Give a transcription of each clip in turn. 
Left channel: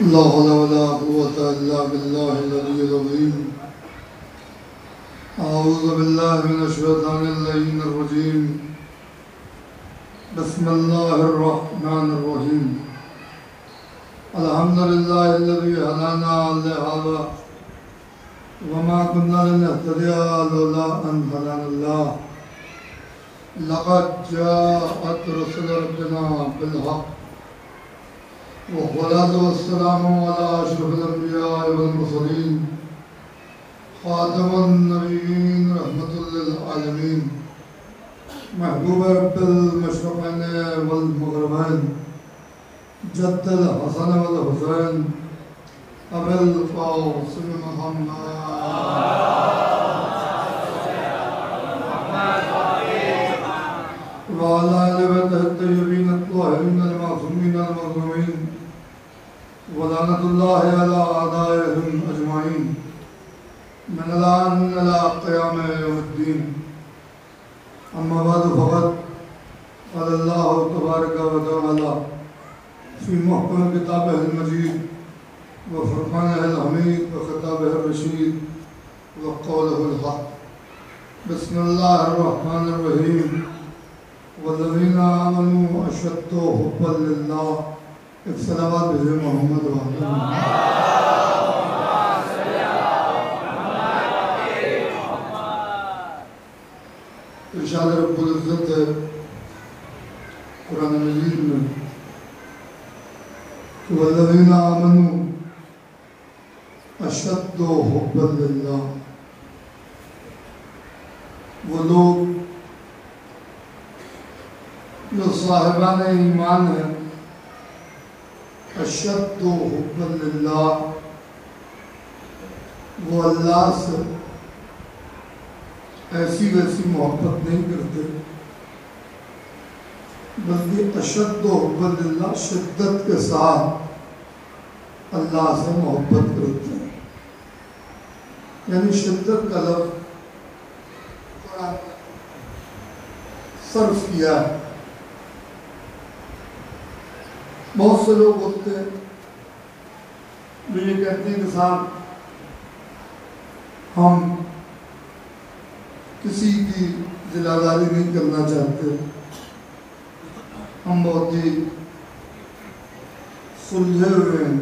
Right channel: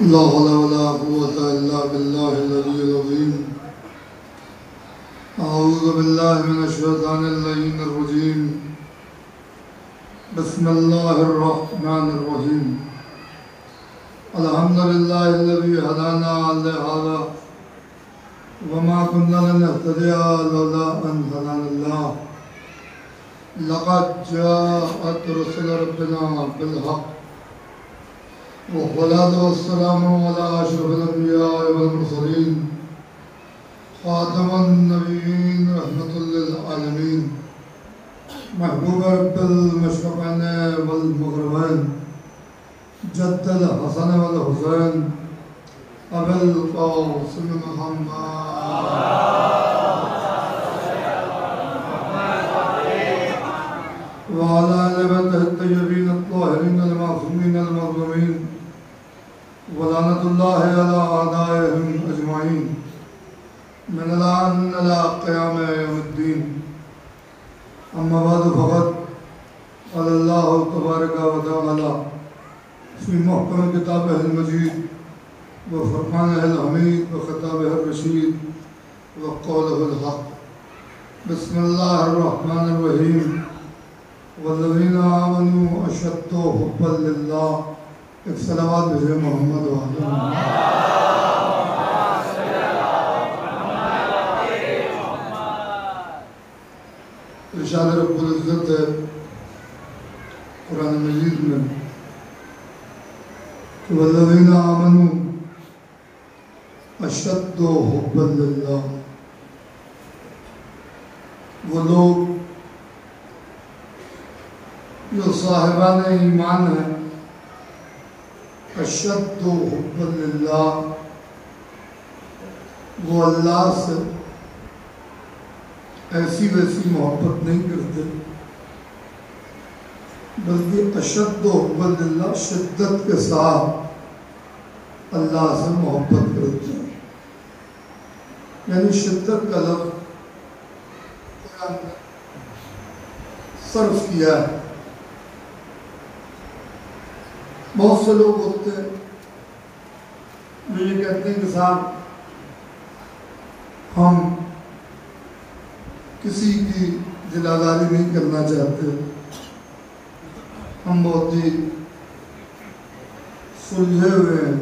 لا حول ولا قوة إلا بالله العلي العظيم. أعوذ بالله من الشيطان اللعين الرجيم. بسم الله الرحمن الرحيم. الحمد لله الذي هدانا لهذا وما كنا لنهتدي لولا أن هدانا الله. لقد جاءت رسل ربنا بالحق والصلاة والسلام على أشرف الأنبياء والمرسلين خاتم النبيين رحمة للعالمين محبوب رب المشرقين والمغربين جد الحسن والحسين أبي القاسم محمد وعلى آل بيته الطيبين الطاهرين المعصومين المظلومين ولعنة الله على أعدائهم أجمعين من الآن إلى قيام يوم الدين. أما بعد فقد قال الله تبارك وتعالى في محكم كتابه المجيد وفرقانه الحميد وخطابه الرشيد وقوله الحق. بسم الله الرحمن الرحيم. والذين آمنوا أشد حبا لله. الصلوات بجے محمد وعلى ارشاد رب العزت ہے قرآن مجید میں کہ والذین آمنوا اشد حبا للہ. وہ لوگ جو صاحبان ایمان ہیں اشد حبا للہ، وہ اللہ سے ایسی ویسی محبت نہیں کرتے بلکہ اشد حبا للہ شدت کے ساتھ اللہ سے محبت کرتے ہیں. یعنی شدت کا لفظ قرآن صرف کیا ہے. بہت سے لوگ ہوتے ہیں جو یہ کہتے ہیں کہ صاحب ہم کسی کی دلاداری نہیں کرنا چاہتے، ہم بہت ہی سلجھے ہوئے ہیں،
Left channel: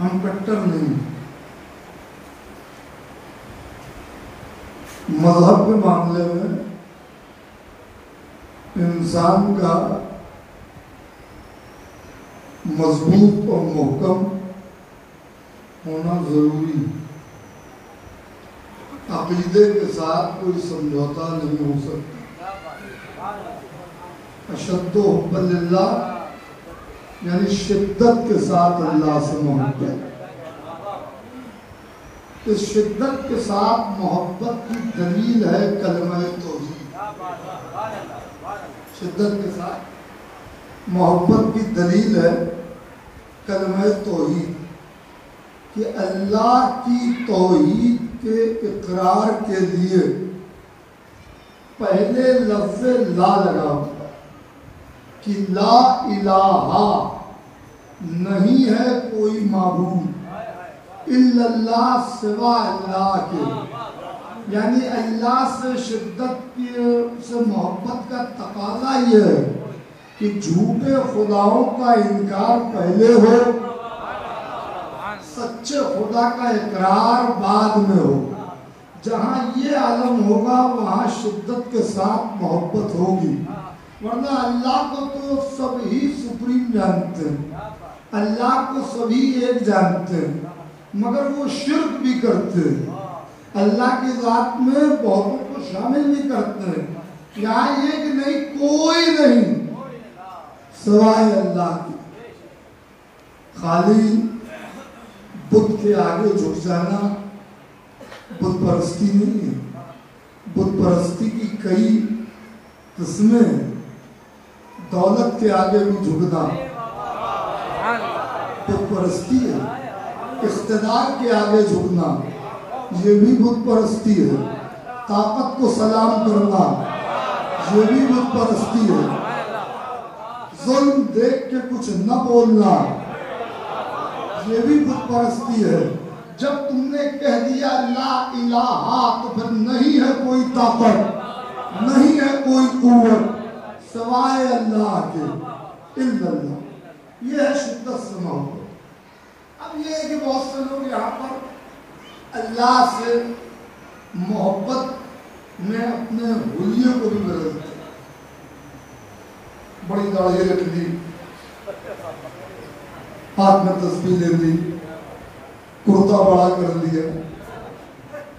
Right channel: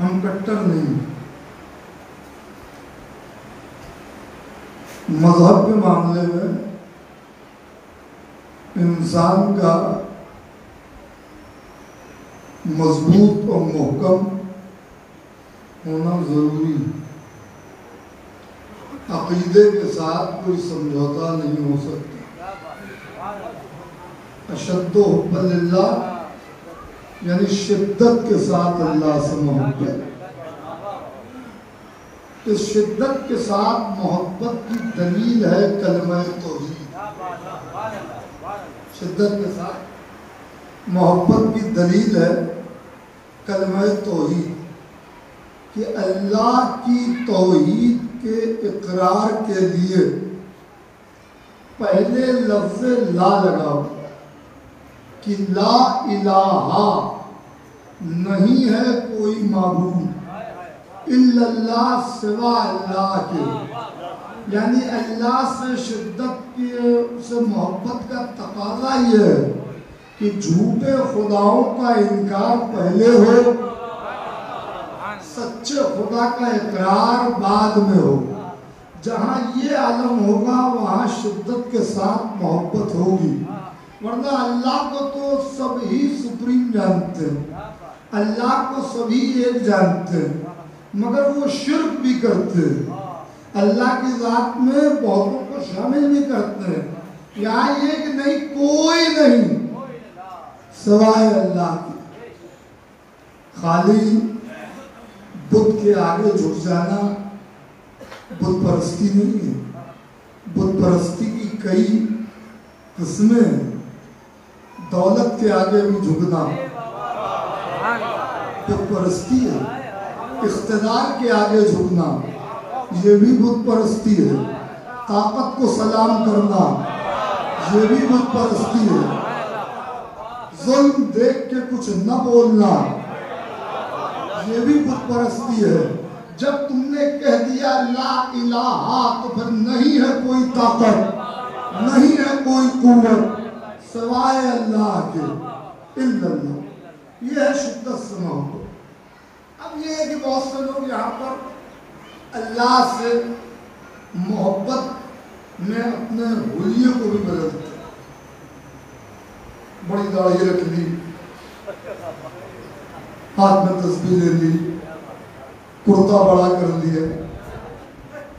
ہم کٹر نہیں. مذہب کے معاملے میں انسان کا مضبوط اور محکم ہونا ضروری ہے. عقیدے کے ساتھ کوئی سمجھوتا نہیں ہو سکتا. اشد حبا للہ یعنی شدت کے ساتھ اللہ سے محبت. اس شدت کے ساتھ محبت کی دلیل ہے کلمہ توحید. شدت کے ساتھ محبت کی دلیل ہے کلمہ توحید کہ اللہ کی توحید کے اقرار کے لیے پہلے لفظ لا لگا کہ لا الہ نہیں ہے کوئی معبود الا اللہ سوا اللہ کے. یعنی اللہ سے شدت سے محبت کا تقاضا یہ ہے کہ جھوٹے خداؤں کا انکار پہلے ہو، سچے خدا کا اقرار بعد میں ہو. جہاں یہ عالم ہوگا وہاں شدت کے ساتھ محبت ہوگی. ورنہ اللہ کو تو سب ہی سپریم جانتے ہیں، اللہ کو سبھی ایک جانتے ہیں، مگر وہ شرک بھی کرتے ہیں. اللہ کی ذات میں بہتوں کو شامل بھی کرتے ہیں. یہاں یہ کہ نہیں کوئی نہیں سوائے اللہ کی. خالی بت کے آگے جھک جانا بت پرستی نہیں ہے. بت پرستی کی کئی قسمیں ہیں. دولت کے آگے بھی جھکنا بت پرستی ہے. اقتدار کے آگے جھکنا یہ بھی بت پرستی ہے. طاقت کو سلام کرنا یہ بھی بت پرستی ہے. ظلم دیکھ کے کچھ نہ بولنا ये भी बुत परस्ती है। जब तुमने कह दिया ला इलाहा तो फिर नहीं है कोई ताकत, नहीं है कोई कुव्वत सवाए अल्लाह के, इल्लल्लाह। ये है शुद्ध मोहब्बत। अब ये है कि बहुत से लोग यहाँ पर अल्लाह से मोहब्बत में अपने हुलिये को भी बदलते हैं। बड़ी दाढ़ी रख ली, हाथ में तस्बीह ले ली, कुर्ता बड़ा कर लिया,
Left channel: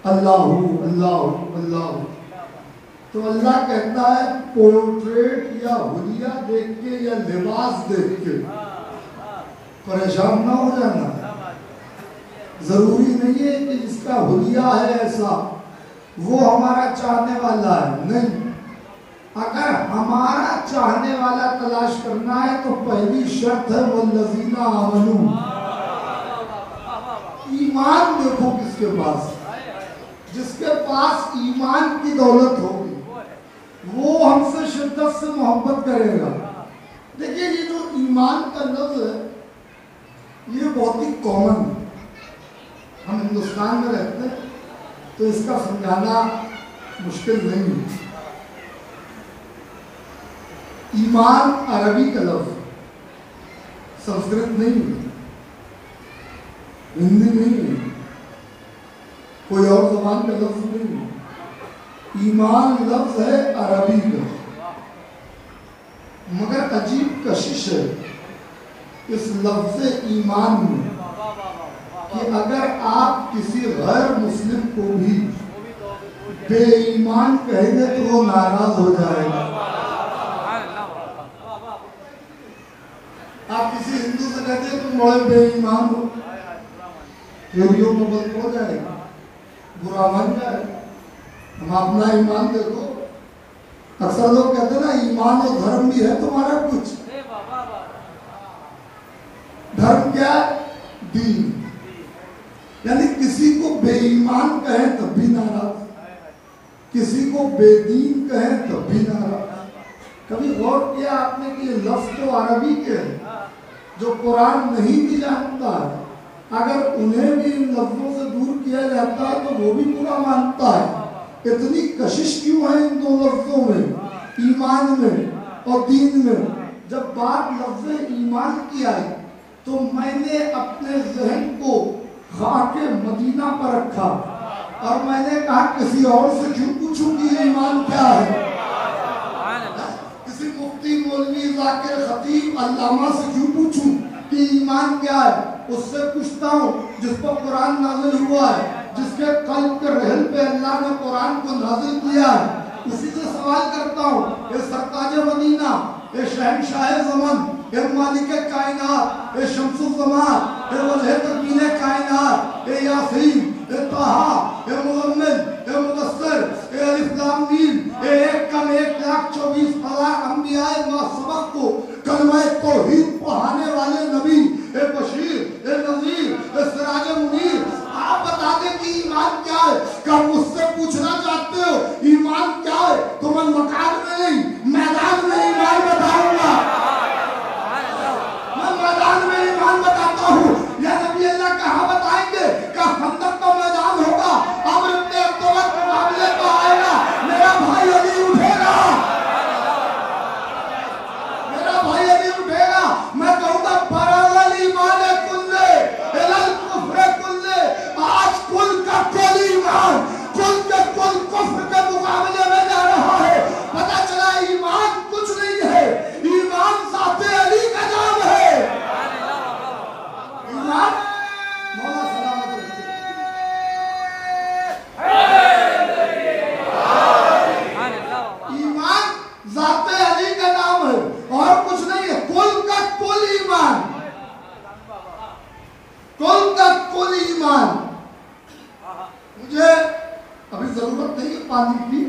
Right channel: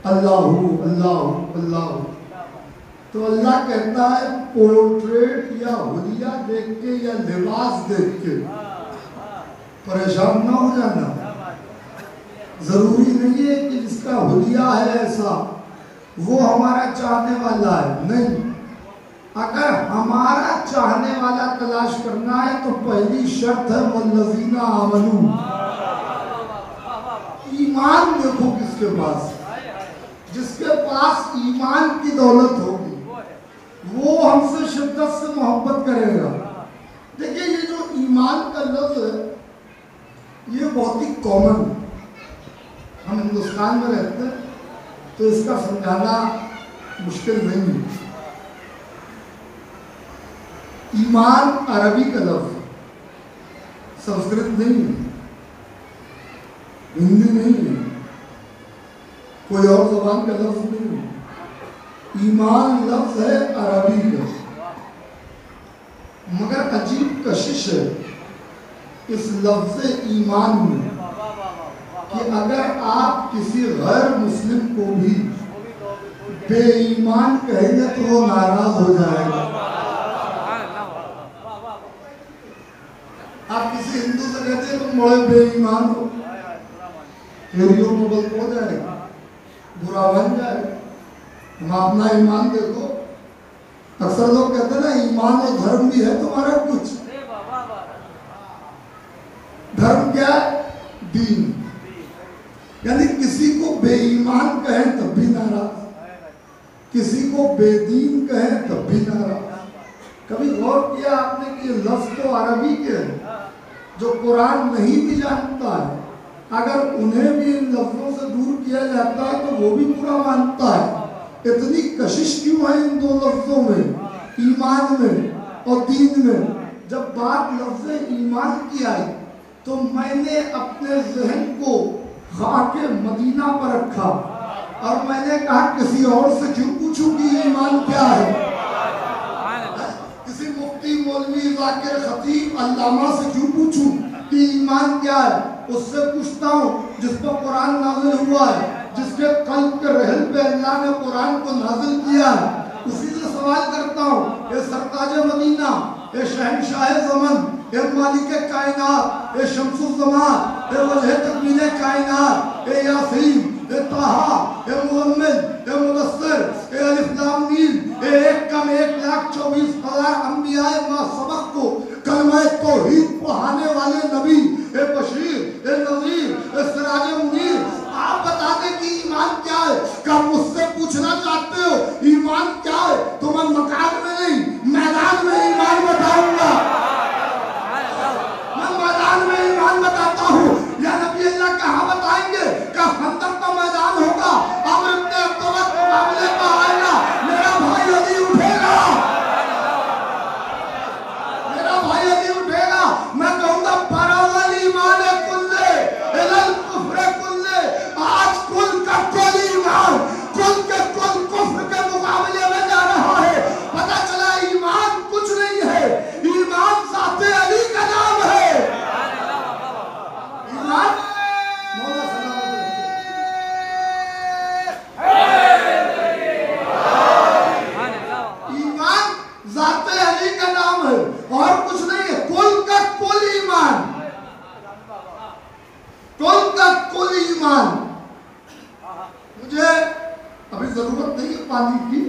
अल्लाह अल्लाह अल्लाह। तो अल्लाह कहता है पोर्ट्रेट या हुलिया देख के या लिबास देख के परेशान ना हो जाना। जरूरी नहीं है कि जिसका हुलिया है ऐसा वो हमारा चाहने वाला है, नहीं। अगर हमारा चाहने वाला तलाश करना है तो पहली शर्त है वल्लज़ीना आमनू, ईमान देखो किसके पास। जिसके पास ईमान की दौलत होगी वो हमसे शिद्दत से मोहब्बत करेगा। देखिए ये जो ईमान का लफ्ज़ है ये बहुत ही कॉमन है। हम हिंदुस्तान में रहते हैं तो इसका समझाना मुश्किल नहीं है। ईमान अरबी का लफ्ज़, संस्कृत नहीं है, हिंदी नहीं है, कोई और ज़बान का लफ्ज़ नहीं है। ईमान लफ्ज़ है अरबी का, मगर अजीब कशिश है इस लफ्ज़ ईमान में कि अगर आप किसी गैर मुस्लिम को भी बेईमान कहेंगे तो वो नाराज हो जाएगा। आप किसी हिंदू से कहते हैं तुम बड़े बेईमान हो, चोरियों को बल हो जाएगा, बुरा बन जाएगा। हम अपना ईमान देखो। अक्सर लोग कहते हैं ना ईमान और धर्म भी है तुम्हारा कुछ। धर्म क्या है? दीन। यानी किसी को बेईमान कहें तब भी नाराज, किसी को बेदीन कहें तब भी नाराज। कभी गौर किया आपने कि ये लफ्ज़ तो अरबी के हैं, जो कुरान नहीं भी जानता है अगर उन्हें भी इन लफ्ज़ों से दूर किया जाता है तो वो भी पूरा मानता है। इतनी कशिश क्यों है इन दो लफ्ज़ों में, ईमान में और दीन में? जब बात लफ्ज़ ईमान की आई तो मैंने अपने ज़हन को खाके मदीना पर रखा और मैंने कहा किसी और से क्यों पूछूं कि ये ईमान क्या है। किसी मुफ्ती मौलवी ज़ाकिर खतीब अल्लामा से क्यों पूछूं कि ईमान क्या है। उससे पूछता हूँ जिस पर कुरान नाज़िल हुआ है, जिसके कल्ब के रहल पे अल्लाह ने कुरान को नाज़िल किया है, उसी से सवाल करता हूँ। ये सरताज मदीना, ये शहंशाह ज़मान, ये मालिक कायनात, ये शम्सुल ज़मान, ये वजह तकमील कायनात, ये यासीन, ये ताहा, ये मुज़म्मिल, ये मुदस्सिर, ये अलिफ लाम मीम, ये 1,24,000 अंबियाए मासबक को कलमा तौहीद पढ़ाने वाले नबी, ये बशीर, ये नज़ीर, ये सिराज मुनीर। आप बता दें कि ईमान क्या है। क्या मुझसे पूछना चाहते हो ईमान क्या है तो मैं मकान में नहीं मैदान में ईमान बताऊंगा। मैं मैदान में ईमान बताता हूँ। या नबी अल्लाह कहाँ बताएंगे? क्या खंदक का मैदान होगा, अमर इब्न अब्दुल्लाह के मामले में आएगा, मेरा भाई अली उठेगा, मेरा भाई अली उठेगा। मैं कहूँगा बरावल ईमान कुल्ले इलल कुफ्र कुल्ले। आज कुल का कुल ईमान कुल के कुल कुफ्र के मुकाबले में जा रहा है। पता चला ईमान कुछ नहीं है, ईमान ज़ाते अली का नाम है। ईमान मौला सलामत ईमान ज़ाते अली का नाम है और कुछ नहीं है। कुल का कुल ईमान, कुल का कुल ईमान। मुझे अभी जरूरत नहीं है पानी की,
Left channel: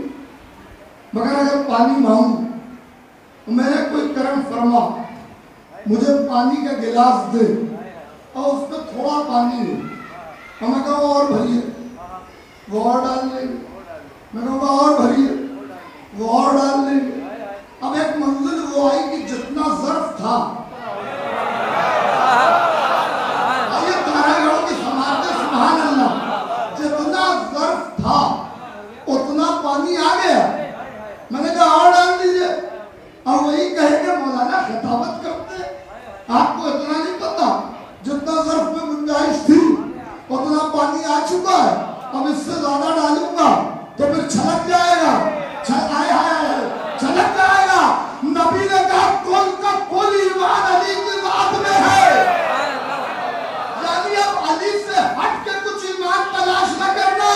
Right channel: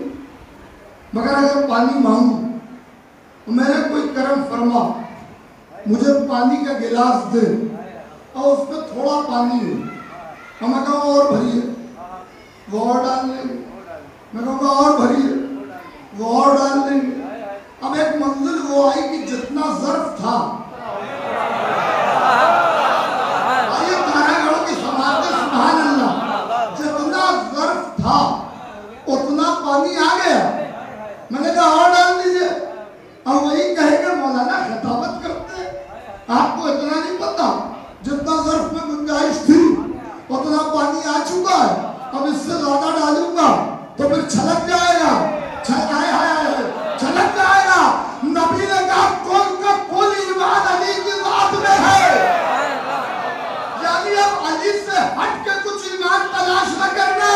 मगर अगर पानी मांगू तो मैंने कोई करम फरमा मुझे पानी का गिलास दे और उसमें थोड़ा पानी है और मैं कहूँ और भरिए, वो और डाल लेंगे। मैं कहूँगा और भरिए, वो और डाल लेंगे। अब एक मंजिल वो आई कि जितना ज़र्फ था, ये آپ کو اتنا نہیں پتا جتنا ظرف میں گنجائش تھی اتنا پانی آ چکا ہے، اب اس سے زیادہ ڈالوں گا تو پھر چھلک جائے گا، چھلک جائے گا۔ نبی نے کہا کل کا کل ایمان علی کی ذات میں ہے، یعنی اب علی سے ہٹ کے کچھ ایمان تلاش نہ کرنا۔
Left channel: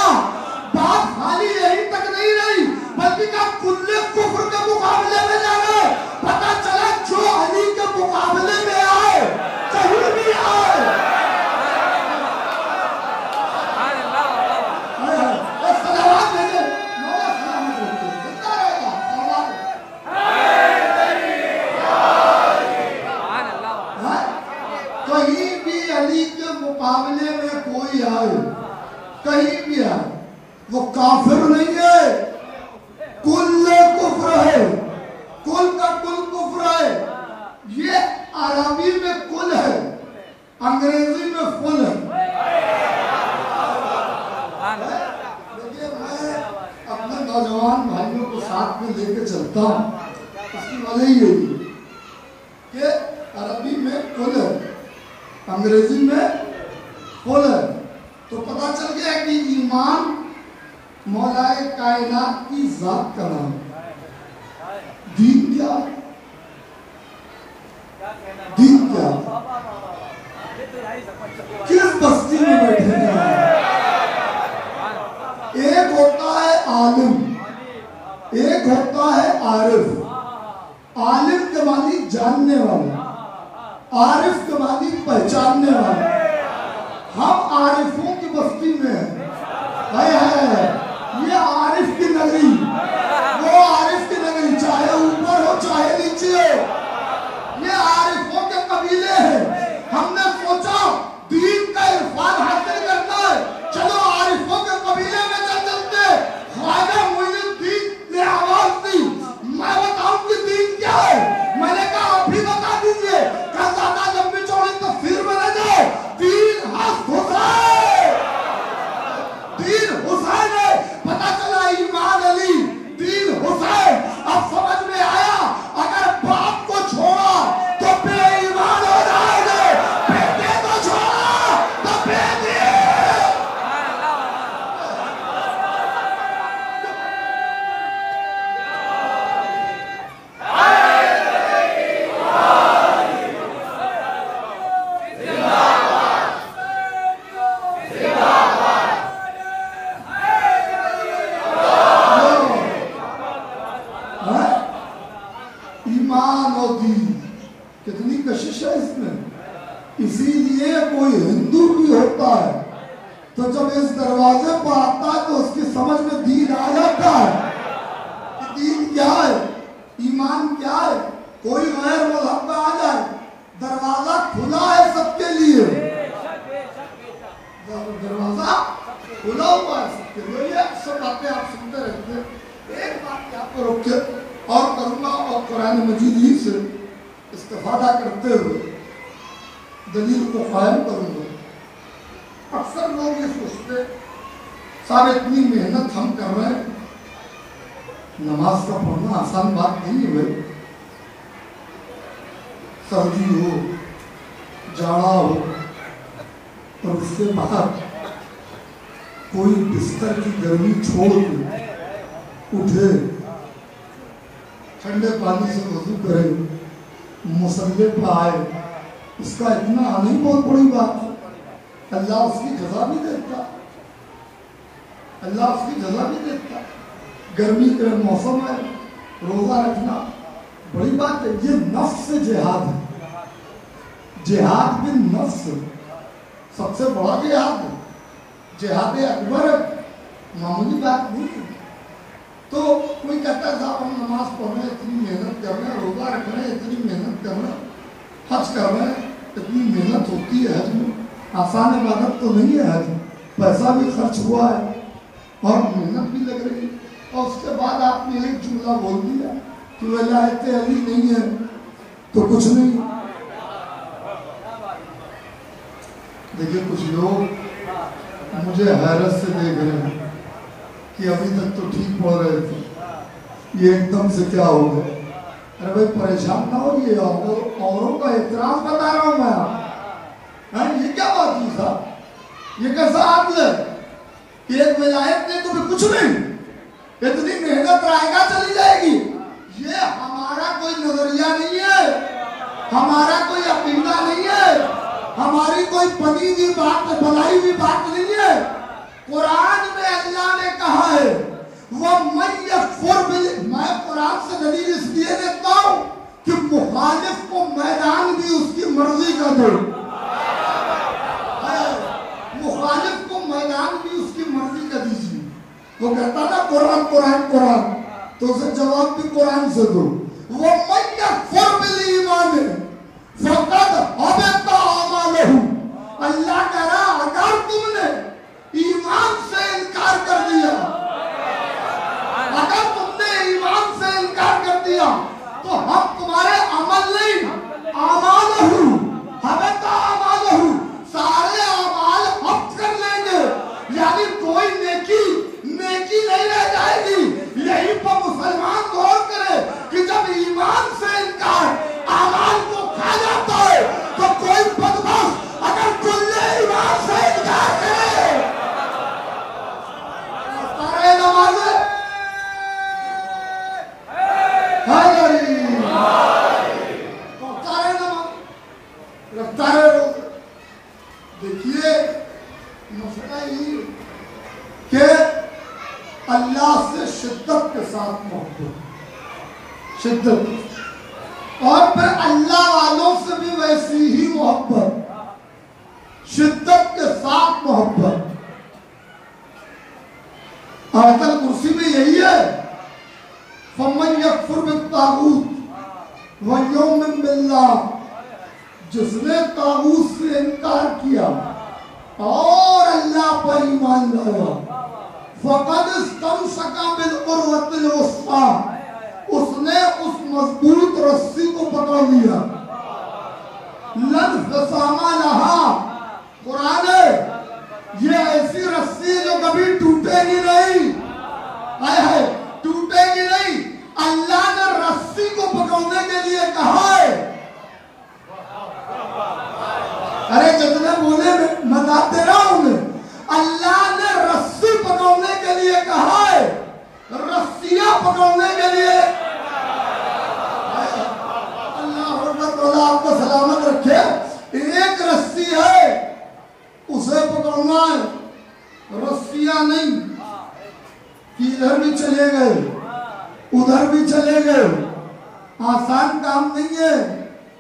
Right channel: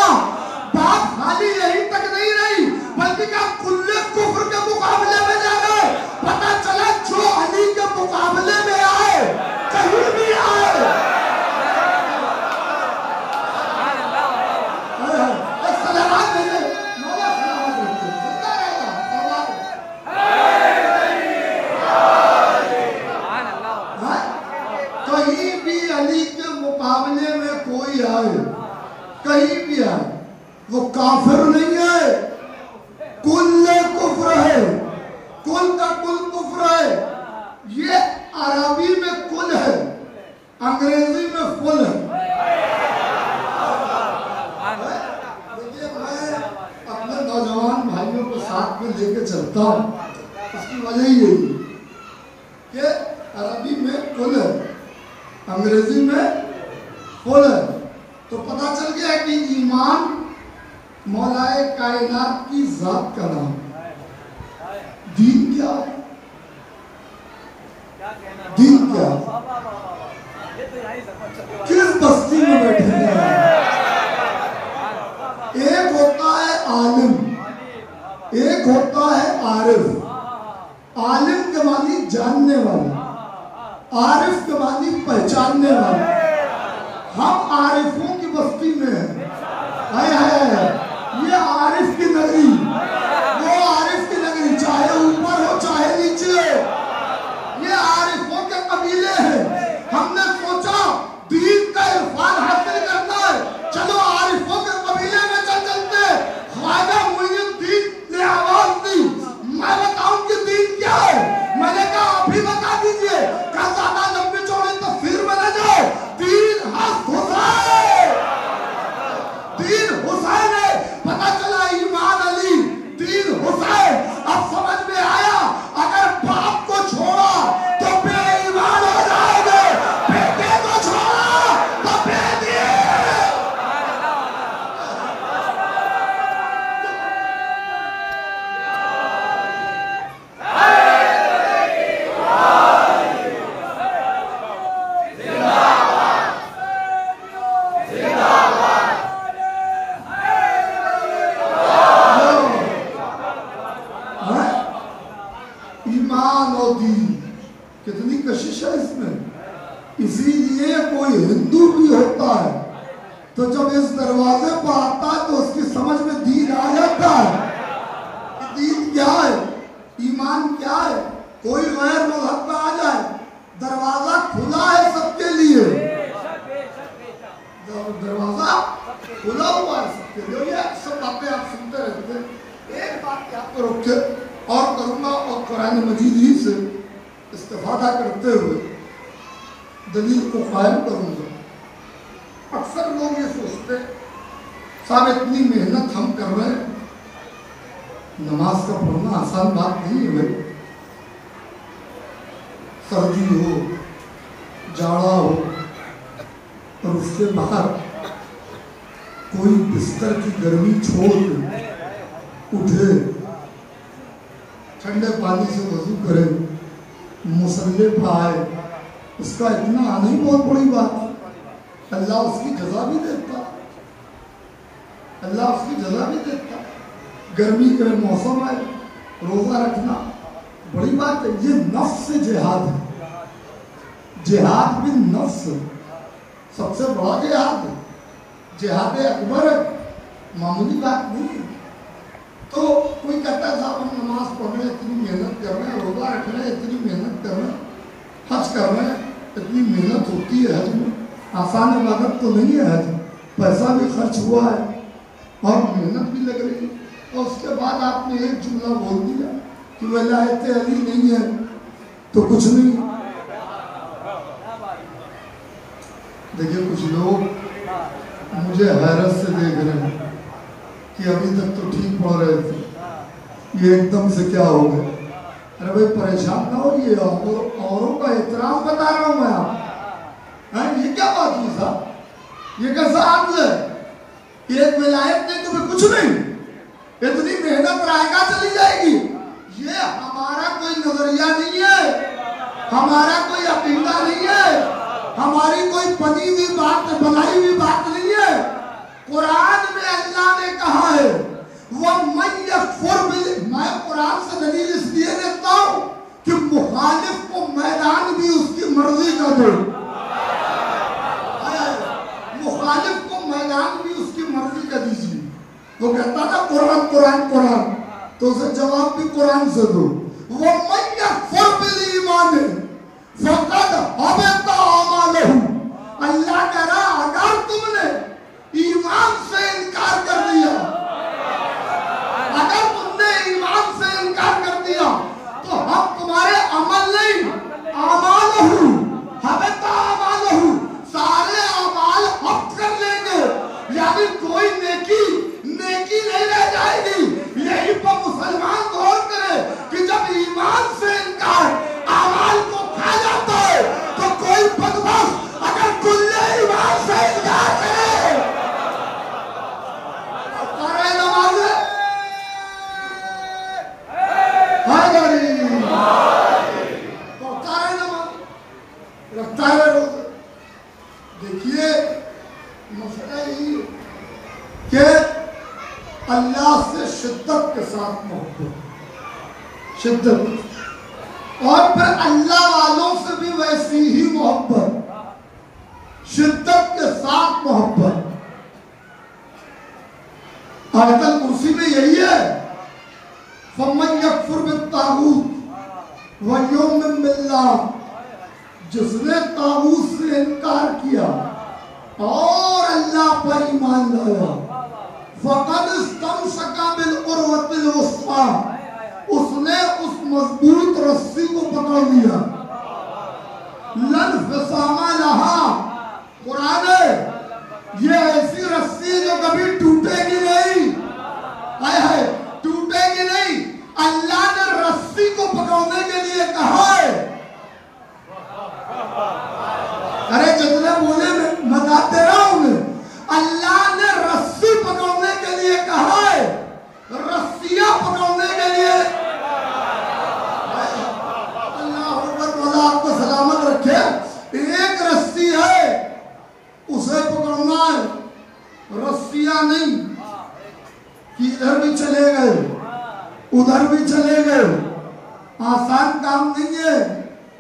بات خالی یہی تک نہیں رہی بلکہ کہا کل کفر کے مقابلے میں جانا ہے۔ پتہ چلا جو علی کے مقابلے میں آئے کہیں بھی آئے، کہیں بھی علی کے مقابلے میں کوئی آئے، کہیں بھی آئے، وہ کافر نہیں ہے، کل کفر ہے، کل کا کل کفر ہے۔ یہ عربی میں کل ہے، انگریزی میں فل ہے۔ دیکھیے میں اپنے نوجوان بھائیوں کو ساتھ میں لے کے چلتا ہوں، اس کی وجہ یہی ہے کہ عربی میں کل ہے، انگریزی میں فل ہے، تو پتہ چل گیا کہ ایمان مولائے کائنات کی ذات کا نام۔ دین کیا؟ دین کیا؟ کس بستی میں بیٹھے ہیں؟ ایک ہوتا ہے عالم، ایک ہوتا ہے عارف۔ عالم کے معنی جاننے والے، عارف کے معنی پہچاننے والے۔ ہم عارفوں کی بستی میں ہیں، یہ عارف کی نگری، وہ عارف کی نگری، چاہے اوپر ہو چاہے نیچے ہو، یہ عارفوں کے قبیلے ہیں۔ ہم نے سوچا دین کا عرفان حاصل کرنا ہے، چلو عارفوں کے قبیلے میں چلتے۔ خواجہ معین الدین نے آواز دی، میں بتاؤں کہ دین کیا ہے؟ میں نے کہا ابھی بتا دیجئے، کہ زیادہ لمبی چوڑی تفسیر میں نہ جائے، دین حق حسین، دین حسین ہے۔ پتہ چلا ایمان علی، دین حسین۔ اب سمجھ میں آیا اگر باپ کو چھوڑا تو بے ایمان ہو جائے گا، بیٹے کو چھوڑا تو بے دین۔ ایمان اور دین کتنی کشش ہے اس میں۔ اسی لیے کوئی ہندو بھی ہوتا ہے تو جب اس دروازے پر آتا ہے تو اس کی سمجھ میں دین آ جاتا ہے کہ دین کیا ہے، ایمان کیا ہے۔ کوئی غیر مذہب کا آ جائے، دروازہ کھلا ہے سب کے لیے، دروازہ کھلا ہوا ہے سب کے لیے۔ یہ اکثر باتیں آپ سنتے رہتے ہیں۔ ایک بات کیا آپ کو روک کے اور کروں گا، اور قرآن مجید ہی سے استفادہ کرتے ہوئے دلیل کو قائم کروں گا۔ اکثر لوگ یہ سوچتے صاحب اتنی محنت ہم کر رہے ہیں، نماز کا پڑھنا آسان بات نہیں ہے بھائی، سردی ہو جاڑا ہو اور اس کے بعد کوئی بستر کی گرمی چھوڑ کے اٹھے، ٹھنڈے پانی سے وضو کرے، مصلی پہ آئے، اس کا اتنا نہیں بہت بڑی بات۔ اللہ اس کی جزا بھی دیتا، اللہ اس کی جزا بھی دیتا۔ گرمی کا موسم ہے، روزہ رکھنا بڑی بات ہے۔ یہ نفس سے جہاد ہے، جہاد بھی نفس سب سے بڑا جہاد ہے، جہاد اکبر ہے، معمولی بات نہیں ہے۔ تو کوئی کہتا ہے صاحب ہم نماز پڑھ رہے ہیں، اتنی محنت کر رہے ہیں، روزہ رکھ رہے ہیں، اتنی محنت کر رہے ہیں، حج کر رہے ہیں، اتنی محنت ہوتی ہے حج میں، آسان عبادت تو نہیں ہے حج، پیسہ بھی خرچ ہوا ہے اور محنت بھی لگ رہی ہے، اور اس کے بعد آپ نے ایک جملہ بول دیا کہ ولایت علی نہیں ہے تو کچھ نہیں۔ دیکھیے کچھ لوگ مجھے حیرت سے دیکھ رہے ہیں کہ ابھی تک تو ٹھیک پڑھ رہے تھے، یہ ایک دم سے کیا ہو گیا؟ अरे भाई परेशान ना हो, ये औरों का एतराज बता रहा हूं मैं। ये क्या बात की साहब, ये कैसा आदमी है? एक विलायत नहीं तो फिर कुछ नहीं, इतनी मेहनत रायगा चली जाएगी। ये हमारा कोई नजरिया नहीं है, हमारा कोई अकीदा नहीं है, हमारी कोई बनी हुई बात, बनाई हुई बात नहीं है। कुरान में अल्लाह ने कहा है मैं कुरान से दलील इसलिए देता हूं कि मुखालिफ को मैदान भी उसकी मर्जी का दो, मुखालिफ को मैदान भी उसकी मर्जी का दीजिए। वो कहता था कुरान कुरान कुरान, तो उसे जवाब भी कुरान से दो। वो ईमान अल्लाह कह रहा अगर तुमने ईमान से इनकार कर दिया, अगर तुमने ईमान से इनकार कर दिया तो हम तुम्हारे अमल नहीं, अमालहू हबता अमालहू, सारे अमाल हफ्त कर लेंगे, यानी कोई नेकी नहीं रह जाएगी। यही पर मुसलमान गौर करे कि जब ईमान से इनकार अमाल को खा जाता है तो कोई बदमाश अगर कुल्ले ईमान से इनकार करे, सारे नमाज रफ्तार रोजे। देखिए मसला ये कि अल्लाह से शिद्दत के साथ मोहब्बत, शिद्दत, और फिर अल्लाह वालों से भी वैसी ही मोहब्बत, शिद्दत के साथ मोहब्बत। आयतल कुर्सी में यही है, फमन यकफुर बित्तागूत व युमिन बिल्लाह, जिसने तागूत से इनकार किया और अल्लाह पर ईमान लाया, फक़द इस्तमसका बिल उर्वतिल वुस्क़ा, उसने उस मजबूत रस्सी को पकड़ लिया। लन फिसामा लहा, कुरान ये ऐसी रस्सी जो कभी टूटेगी नहीं, टूटेगी नहीं। अल्लाह ने रस्सी को पकड़ने के लिए कहा है, अरे जितने बोले मजाते रहोगे, अल्लाह ने रस्सी पकड़ने के लिए कहा है, रस्सियां पकड़ने के लिए। अल्लाह आपको सलामत रखे। एक रस्सी है उसे पकड़ना है, रस्सियां नहीं कि इधर भी चले गए उधर भी चले गए। आसान काम नहीं है,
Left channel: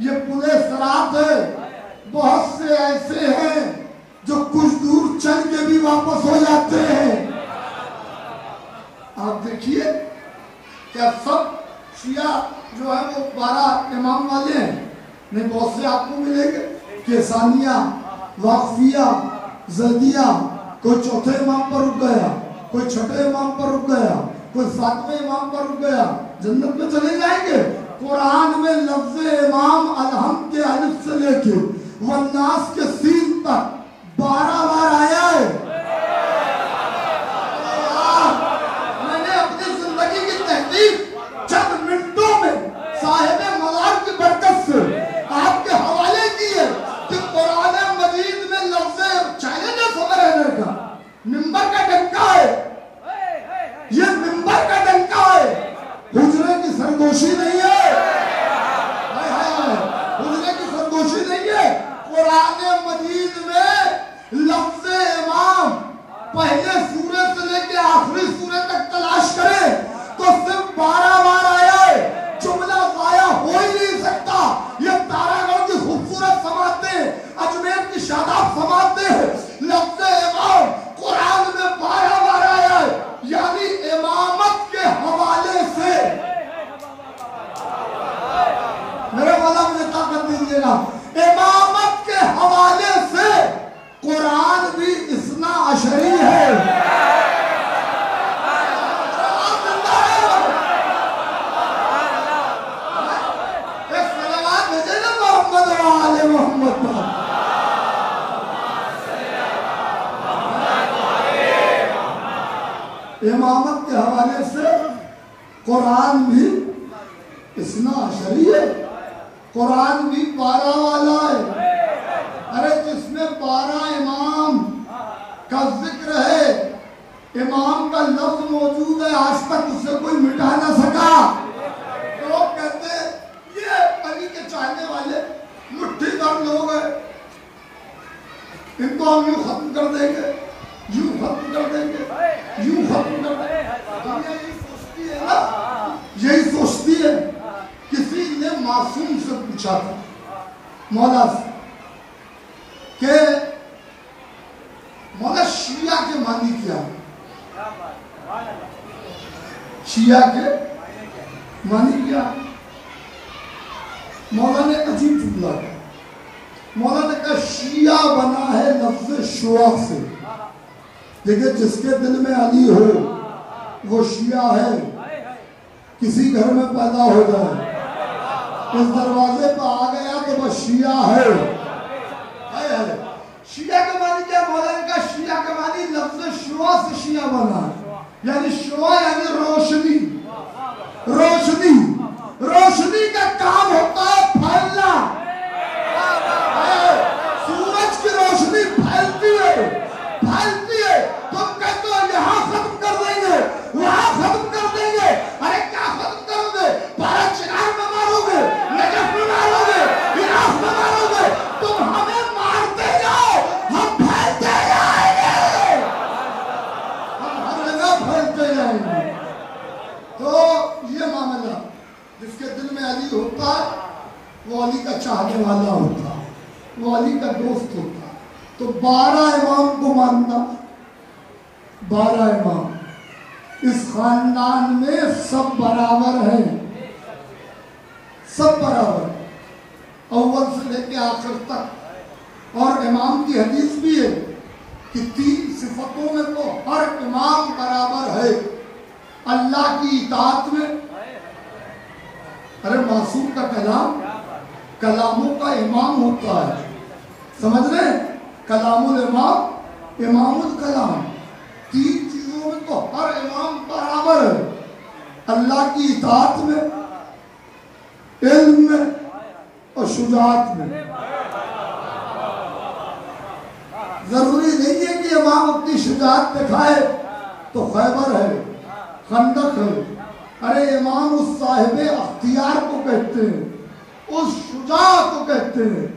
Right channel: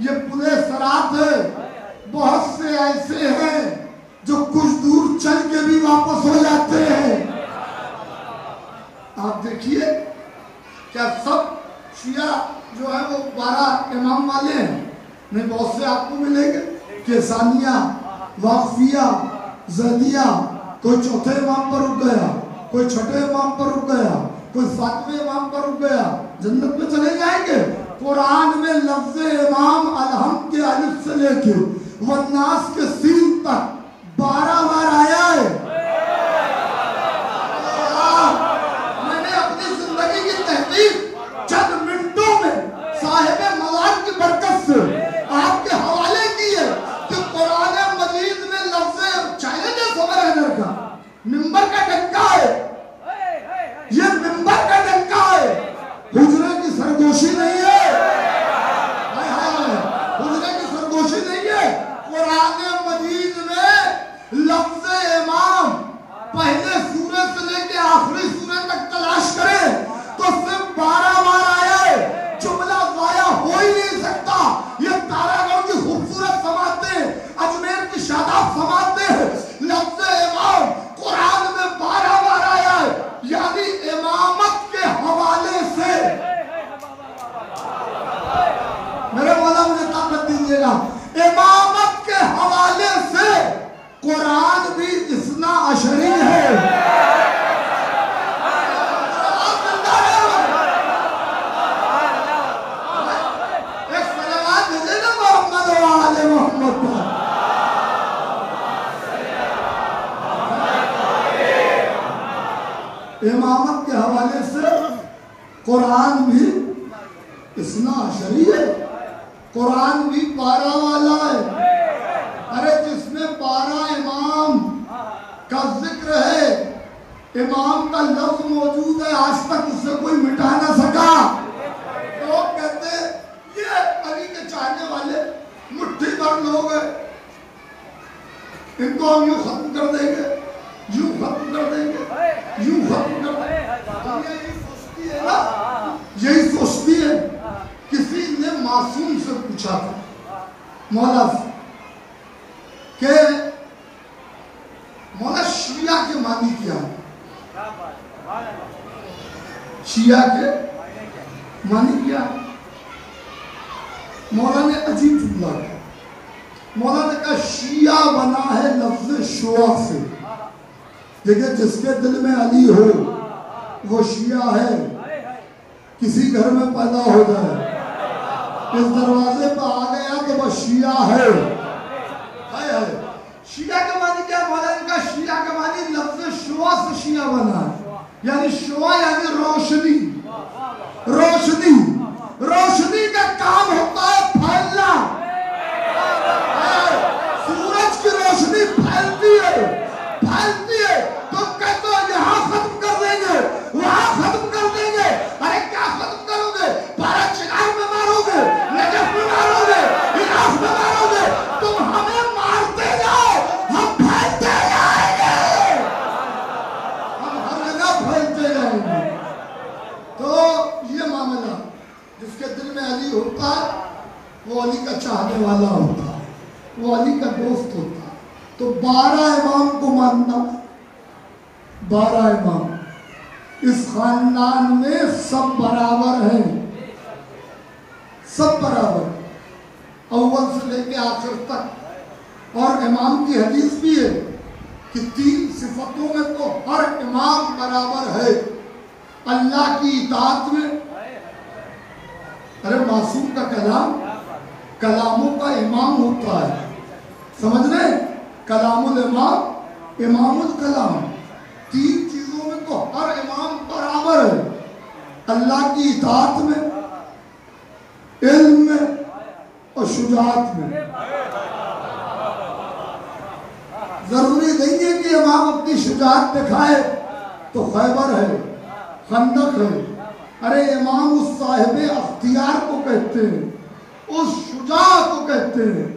ये पुलिस सरात है। बहुत से ऐसे हैं जो कुछ दूर चल के भी वापस हो जाते हैं। आप देखिए क्या सब शिया जो है वो 12 इमाम वाले हैं? नहीं, बहुत से आपको मिलेंगे केसानिया, वाकफिया, जदिया। कोई चौथे इमाम पर रुक गया, कोई छठे इमाम पर रुक गया, कोई 7वें इमाम पर रुक गया, जन्नत में चले जाएंगे। कुरान में लफ्ज़ इमाम अलहम के अलिफ से लेके वन्नास के सीन तक 12 बार आया है। मैंने अपनी जिंदगी की तहकीक चंद मिनटों में साहिब मवाद की बरकत से आपके हवाले की है कि कुरान मजीद में लफ्ज़ चैलेंज है का मिंबर का डंका है, ये मिंबर का डंका है, हुजरे की सरगोशी नहीं है, हुजरे की सरगोशी नहीं है। कुरान मजीद में लफ्ज़ इमाम पहले सूरत से लेकर आखिरी सूरत तक तलाश करें तो सिर्फ 12 बार आया है। जुमला ज़ाया हो ही नहीं सकता। ये तारागढ़ की खूबसूरत समातें, अजमेर की शादाब समातें, लफ्ज़ इमाम कुरान में 12 बार आया है, यानी इमामत के हवाले से। मेरे मौला मुझे ताकत दीजिएगा, इमामत के हवाले से कुरान भी इस्ना अशरी है। एक सलावत भेजे ना मोहम्मद व आले मोहम्मद पर। इमामत के हवाले से कुरान भी इस्ना शरी है, कुरान भी 12 वाला है। अरे जिसमें 12 इमाम का जिक्र है, इमाम का लफ्ज मौजूद है, आज तक उसे कोई मिटा ना सका। लोग कहते हैं ये अली के चाहने वाले मुट्ठी भर लोग हैं, इनको हम यूं खत्म कर देंगे, यूं खत्म कर देंगे, यूं खत्म कर देंगे। यही सोचती है ना, यही सोचती है। किसी ने मासूम से पूछा था मौला से कि मौला शिया के मानी क्या है? शिया के मानी क्या है? मौला ने अजीब जुमला किया। मौला ने कहा शिया बना है लफ्ज शुआ से, लेकिन जिसके दिल में अली हो वो शिया है। किसी घर में पैदा हो जाए, इस दरवाजे पर आ गया तो वह शिया है। शिया के मानी क्या? मौला ने कहा शिया के मानी लफ्ज शुआ से शिया बना है, यानी शुआ यानी रोशनी। रोशनी, रोशनी का काम होता है फैलना। सूरज की रोशनी फैलती है, फैलती है। तुम कहते हो यहाँ खत्म कर देंगे, वहाँ खत्म कर देंगे। अरे क्या खत्म करोगे? भारत शिकार में मारोगे, नजफ में मारोगे, इराक में मारोगे। तुम हमें मारते जाओ, हम फैलते जाएंगे, हम हर जगह फैलते जाएंगे। तो ये मामला, जिसके दिल में अली होता है वो अली का चाहने वाला होता है, वो अली का दोस्त होता है। तो 12 इमाम को मानना, 12 इमाम इस खानदान में सब बराबर हैं, सब बराबर, अव्वल से लेके आखिर तक। और इमाम की हदीस भी है कि 3 सिफतों में तो हर इमाम बराबर है। अल्लाह की इताअत में, अरे मासूम का कलाम कलामों का इमाम होता है, समझ रहे? कलामुल इमाम, इमामुल कलाम। 3 चीजों में तो हर इमाम बराबर है। अल्लाह की इताअत में, इल्म में और शुजाअत में। जरूरी नहीं है कि इमाम अपनी शुजाअत दिखाए तो खैबर है, खंदक है। अरे इमाम उस साहिब अख्तियार को कहते हैं, उस शुजा को कहते हैं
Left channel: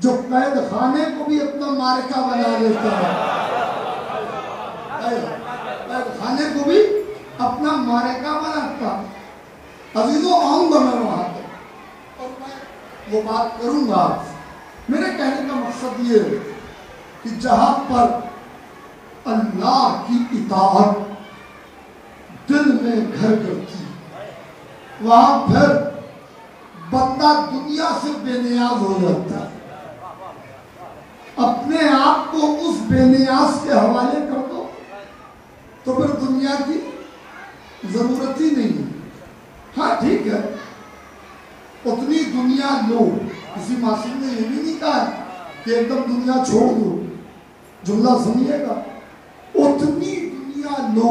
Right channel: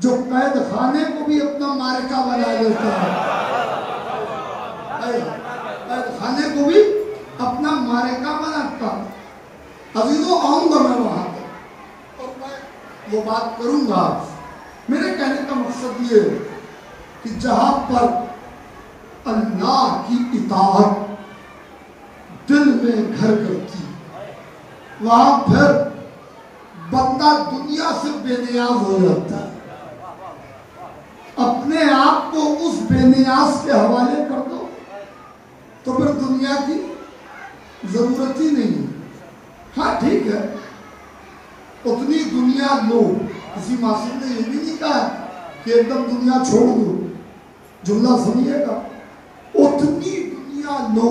जो कैद खाने को भी अपना मारका बना लेता है। कैद खाने को भी अपना मारका बनाता है। अजीजों, आऊंगा मैं वहां तक और मैं वो बात करूंगा आपसे। मेरे कहने का मकसद ये है कि जहां पर अल्लाह की इताअत दिल में घर करती है, वहां फिर बंदा दुनिया से बेनियाज हो जाता है। अपने आप को उस बेनियाज के हवाले कर दो तो फिर दुनिया की जरूरत ही नहीं है। हाँ ठीक है, उतनी दुनिया लो। किसी मासूम ने ये भी नहीं कहा कि एकदम दुनिया छोड़ दो। जुमला सुनिएगा, उतनी दुनिया लो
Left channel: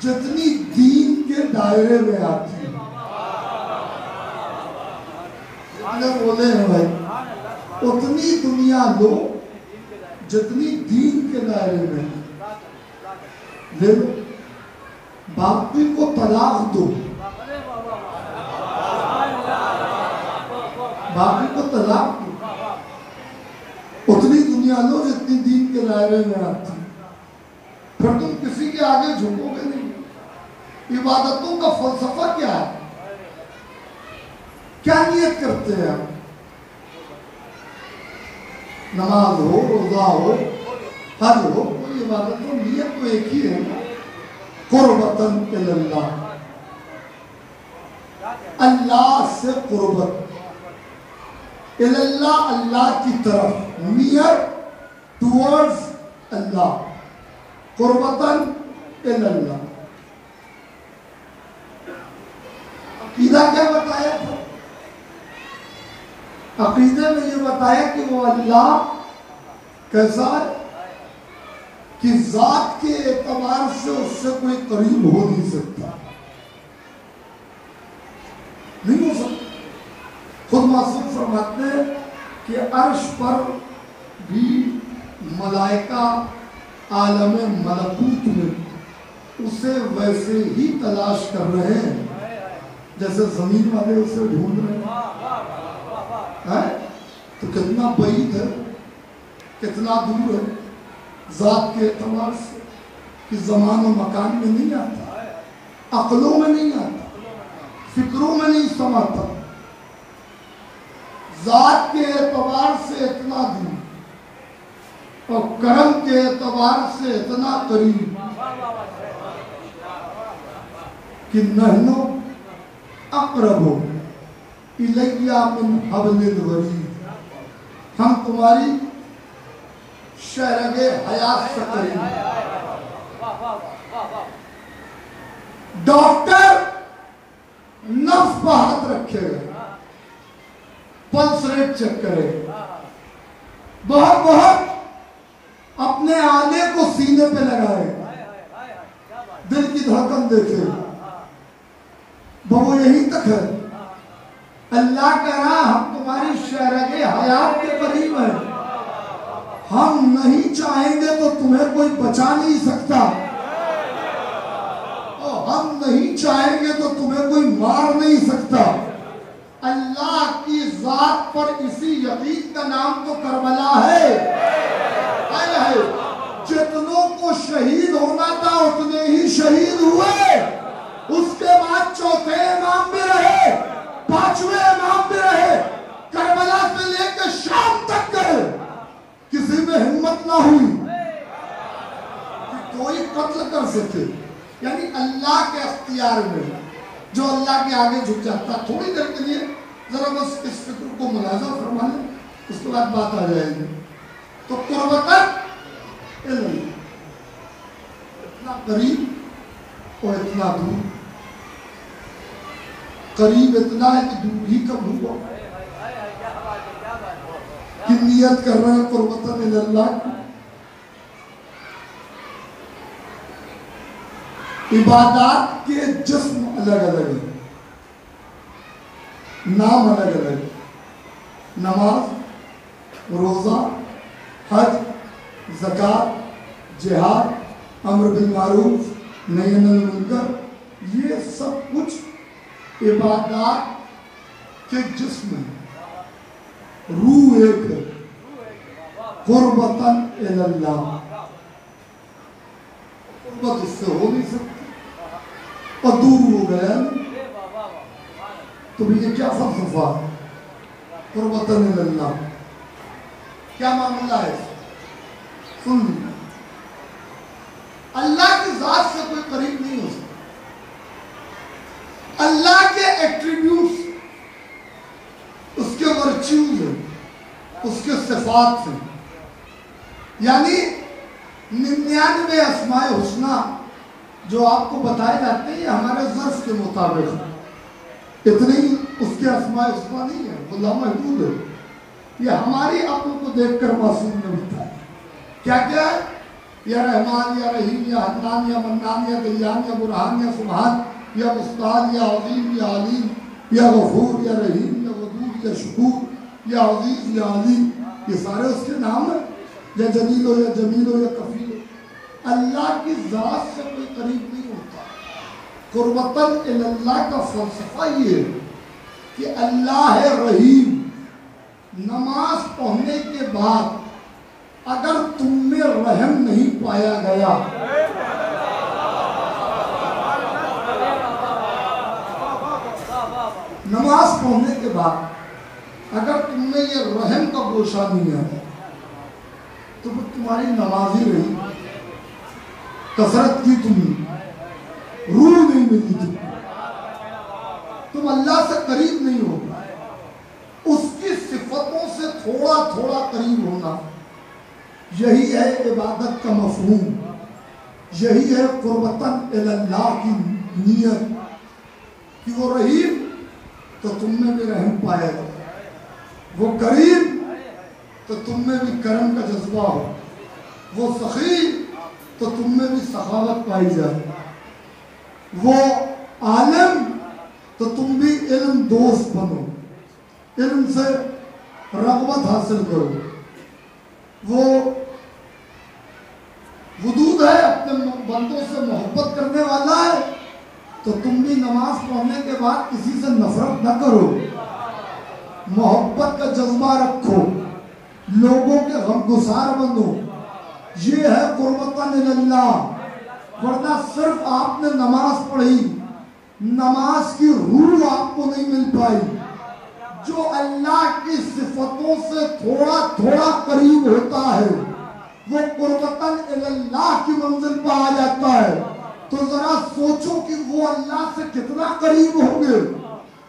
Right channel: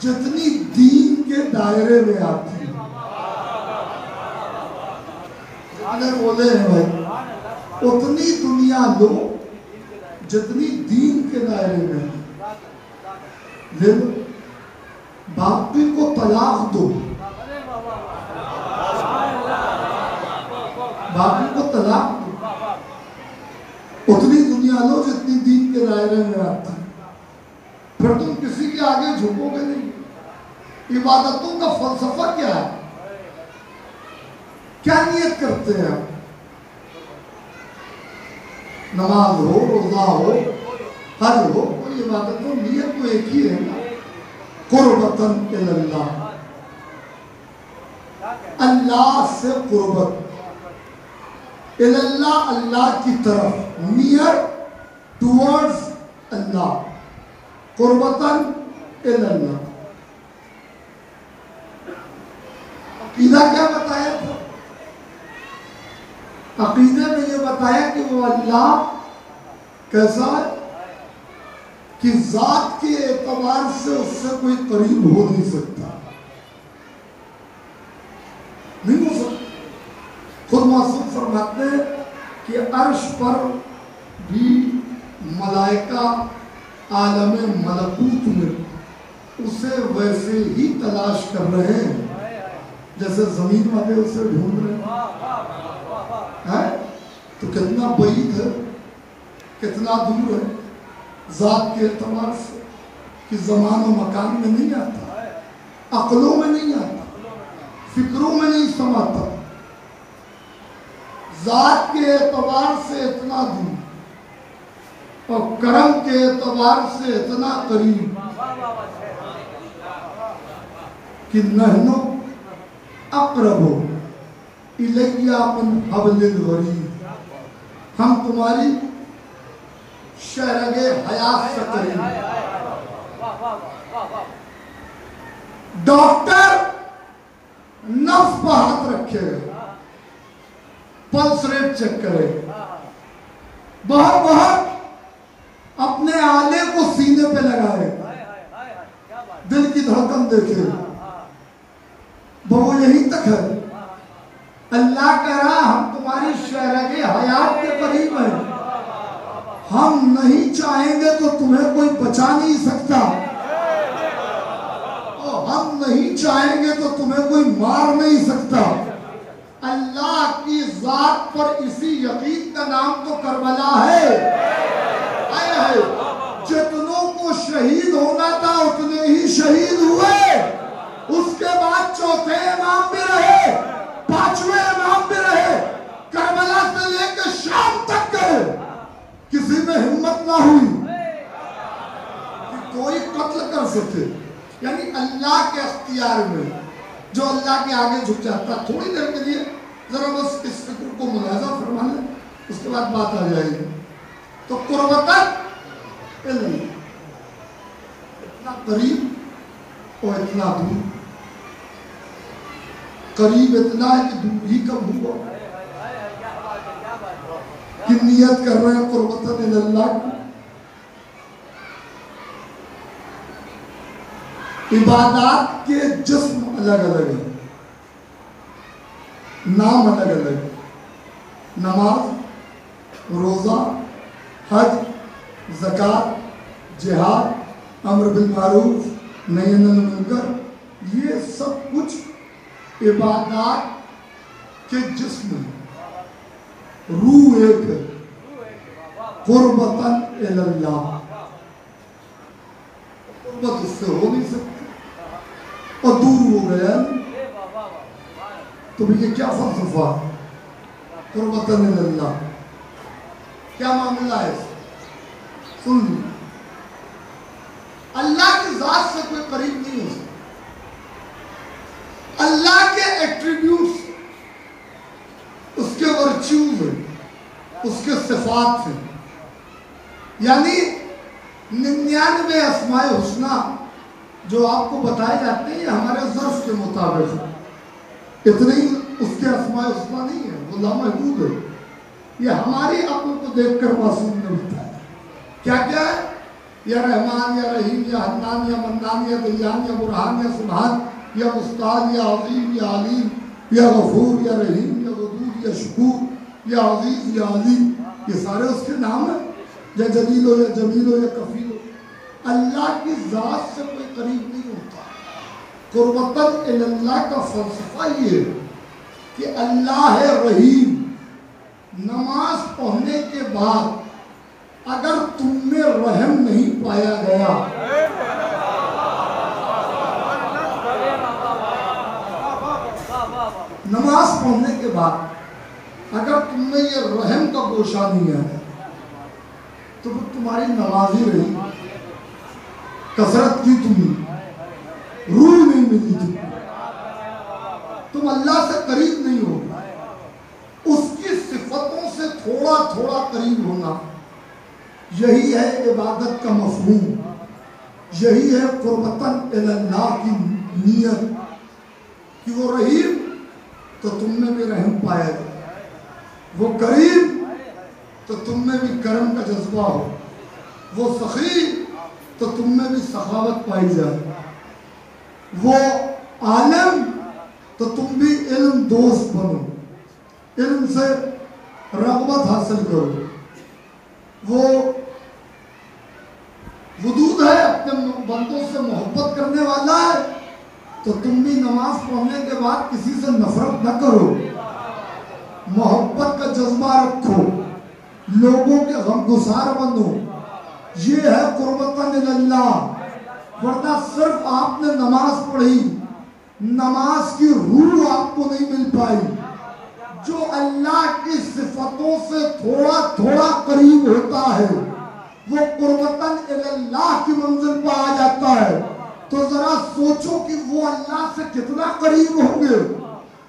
जितनी दीन के दायरे में आती है। बोले हैं भाई, उतनी दुनिया लो जितनी दीन के दायरे में ले लो। बाकी को तलाक दो, बाकी को तलाक दो। उतनी दुनिया लो जितनी दीन के दायरे में आती है, फिर तुम किसी के आगे झुकोगे नहीं। इबादतों का फलसफा क्या है? क्या नियत करते हैं आप? नमाज हो, रोजा हो, हज हो, कोई इबादत हो, नियत तो एक ही है ना, कुर्बतन इल्लल्लाह, अल्लाह से कुर्बत, इल्लल्लाह अल्लाह की तरफ, नियर टुवर्ड्स अल्लाह, कुर्बतन इल्लल्लाह। अकीदा क्या बताया? अकीदे में ये बताया कि वो अल्लाह कैसा है कि जात के एतबार से उससे कोई करीब हो नहीं सकता। نہیں ہو سکتا. خود معصوم فرماتے ہیں کہ عرش پر بھی ملائکہ عالم ملکوت میں اسے ویسے ہی تلاش کر رہے ہیں جیسے زمین والے اسے ڈھونڈ رہے ہیں. تو کتنا بعید ہے, کتنا دور ہے ذات کے اعتبار سے کہ زمان و مکان میں نہیں آتا, عقلوں میں نہیں آتا, فکروں میں نہیں سماتا. ذات کے اعتبار سے اتنا دور اور کرم کے اعتبار سے اتنا قریب کہ نحنو اقرب الیہ من حبل الورید, ہم تمہاری شہرگ حیات سے قریب. ڈاکٹر نفس پر ہاتھ رکھے, پلس ریٹ چیک کرے, بہت بہت اپنے آلے کو سینے پہ لگائے, دل کی دھڑکن دیکھے, وہ یہی تک ہے. اللہ کہہ رہا ہم تمہاری شہرگ حیات کے قریب ہیں, ہم نہیں چاہیں گے تو تمہیں کوئی بچا نہیں سکتا, اور ہم نہیں چاہیں گے تو تمہیں کوئی مار نہیں سکتا. اللہ کی ذات پر اسی یقین کا نام تو کربلا ہے. جتنوں کو شہید ہونا تھا اتنے ہی شہید ہوئے. اس کے بعد چوتھے امام بھی رہے, پانچویں امام بھی رہے, کربلا سے لے کے شام تک گئے, کسی میں ہمت نہ ہوئی کہ کوئی قتل کر سکے. یعنی اللہ کے اختیار میں جو اللہ کے آگے جھک جاتا. تھوڑی دیر کے لیے ذرا بس اس فکر کو ملاحظہ فرما لیں, اس کے بعد بات آ جائے گی. تو قربتاً علم, اتنا قریب اور اتنا دور. قریب اتنا ہے کہ دور ہی کب ہوا کہ نیت کر رہے ہیں قربتاً اللہ کی. عبادات کے جسم الگ الگ ہیں, نام الگ الگ ہیں. نماز, روزہ, حج, زکوٰۃ, جہاد, امر بالمعروف, نہی عن المنکر, یہ سب کچھ عبادات کے جسم ہیں. روح ایک ہے, قربتاً اللہ. قربت اس سے ہو نہیں سکتی اور دور ہو گیا. تو یہ کیا فلسفہ, قربتاً اللہ, کیا معاملہ ہے؟ سن لیں, اللہ کی ذات سے کوئی قریب نہیں ہو سکتا. اللہ کے ایٹریبیوٹس, اس کے ورچیوز ہیں, اس کے صفات ہیں. یعنی 99 اسماء حسنہ جو آپ کو بتائے جاتے ہیں ہمارے ظرف کے مطابق, اتنے ہی اس کے اسماء حسنہ نہیں ہے, وہ لامحدود ہے. یہ ہماری عقل کو دیکھ کر معصوم نے بتایا. کیا کیا ہے؟ یا رحمان, یا رحیم, یا حنان, یا منان, یا دیان, یا برہان, یا سبحان, یا مستعان, یا عظیم, یا علیم, یا غفور, یا رحیم, یا ودود, یا شکور, یا عزیز, یا علیم. یہ سارے اس کے نام ہیں, یا جلیل ہو, یا جمیل ہو, یا کفیل ہو. اللہ کی ذات سے کوئی قریب نہیں ہوتا. قربتاً اللہ کا فلسفہ یہ ہے کہ اللہ ہے رحیم. نماز پڑھنے کے بعد اگر تم میں رحم نہیں پایا گیا, نماز پڑھنے کے بعد اگر تم میں یہ رحم کا گوشہ نہیں ہے تو پھر تمہاری نمازی رہی, کثرت کی تمہیں روح نہیں ملی تھی, تم اللہ سے قریب نہیں ہو. اس کی صفتوں سے تھوڑا تھوڑا قریب ہونا, یہی ہے عبادت کا مفہوم, یہی ہے قربتاً اللہ کی نیت کہ وہ رحیم تو تم میں بھی رحم پائے گا, وہ کریم تو تم میں بھی کرم کا جذبہ ہو, وہ سخی تو تم میں بھی سخاوت پائی جائے, وہ عالم تو تم بھی علم دوست بنو، علم سے رغبت حاصل کرو. وہ ودود ہے، اپنے بندوں سے محبت کرنے والا ہے. تو تم بھی نماز پڑھنے کے بعد کسی سے نفرت نہ کرو، محبت کا جذبہ رکھو، لوگوں کے غمگسار بنو. یہ ہے قربتاً اللہ. ورنہ صرف آپ نے نماز پڑھی، نماز کی روح آپ کو نہیں مل پائی. جو اللہ کی صفتوں سے تھوڑا تھوڑا قریب ہوتا ہے وہ قربتاً اللہ کی منزل پہ آ جاتا ہے. تو ذرا سوچو کہ وہ اللہ سے کتنا قریب ہوں گے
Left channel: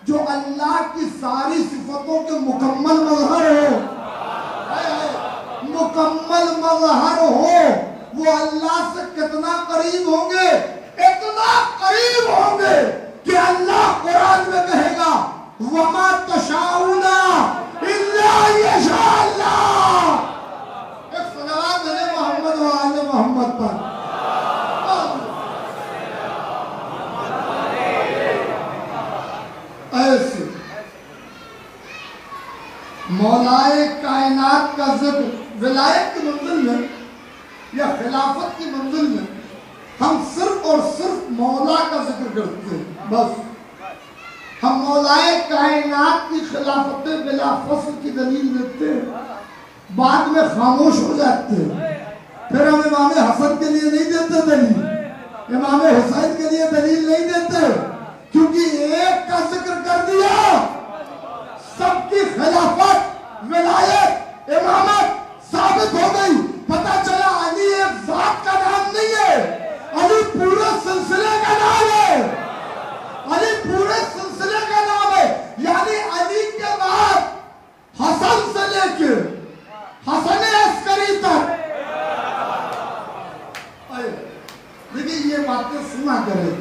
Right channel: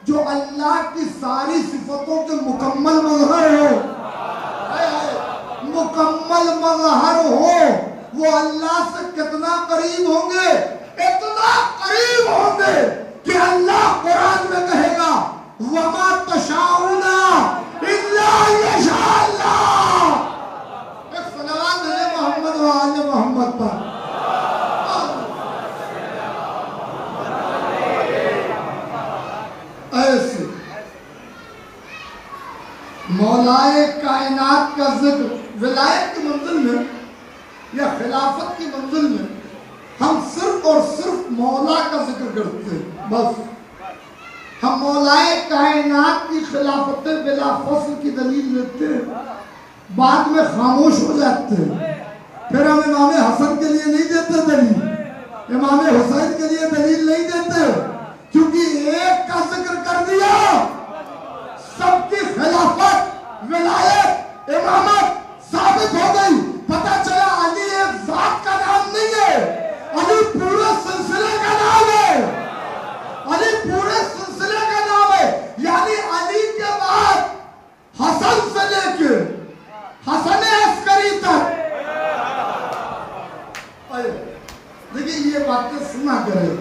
جو اللہ کی ساری صفتوں کے مکمل مظہر ہو. مکمل مظہر ہو، وہ اللہ سے کتنا قریب ہوں گے؟ اتنا قریب ہوں گے کہ اللہ قرآن میں کہے گا وَمَا تَشَاءُونَ إِلَّا يَشَاءَ اللَّهُ. ایک صلوات ہے محمد و آل محمد پر. ایسے مولائے کائنات کا ذکر ولایت کی منزل میں یا خلافت کی منزل میں ہم صرف اور صرف مولا کا ذکر کرتے ہیں. بس ہم مولائے کائنات کی خلافت بلا فصل کی دلیل دیتے ہیں، بعد میں خاموش ہو جاتے ہیں. پھر ہم امام حسن کے لیے نہیں دیتے دلیل، امام حسین کے لیے دلیل نہیں دیتے، کیونکہ ایک کا ذکر کر دیا، سب کی خلافت ولایت امامت ثابت ہو گئی. پتہ چلا علی ایک ذات کا نام نہیں ہے، علی پورے سلسلے کا نام ہے. علی پورے سلسلے کا نام ہے. یعنی علی کے بعد حسن سے لے کے حسن عسکری تک. لیکن یہ باتیں سنا کرے،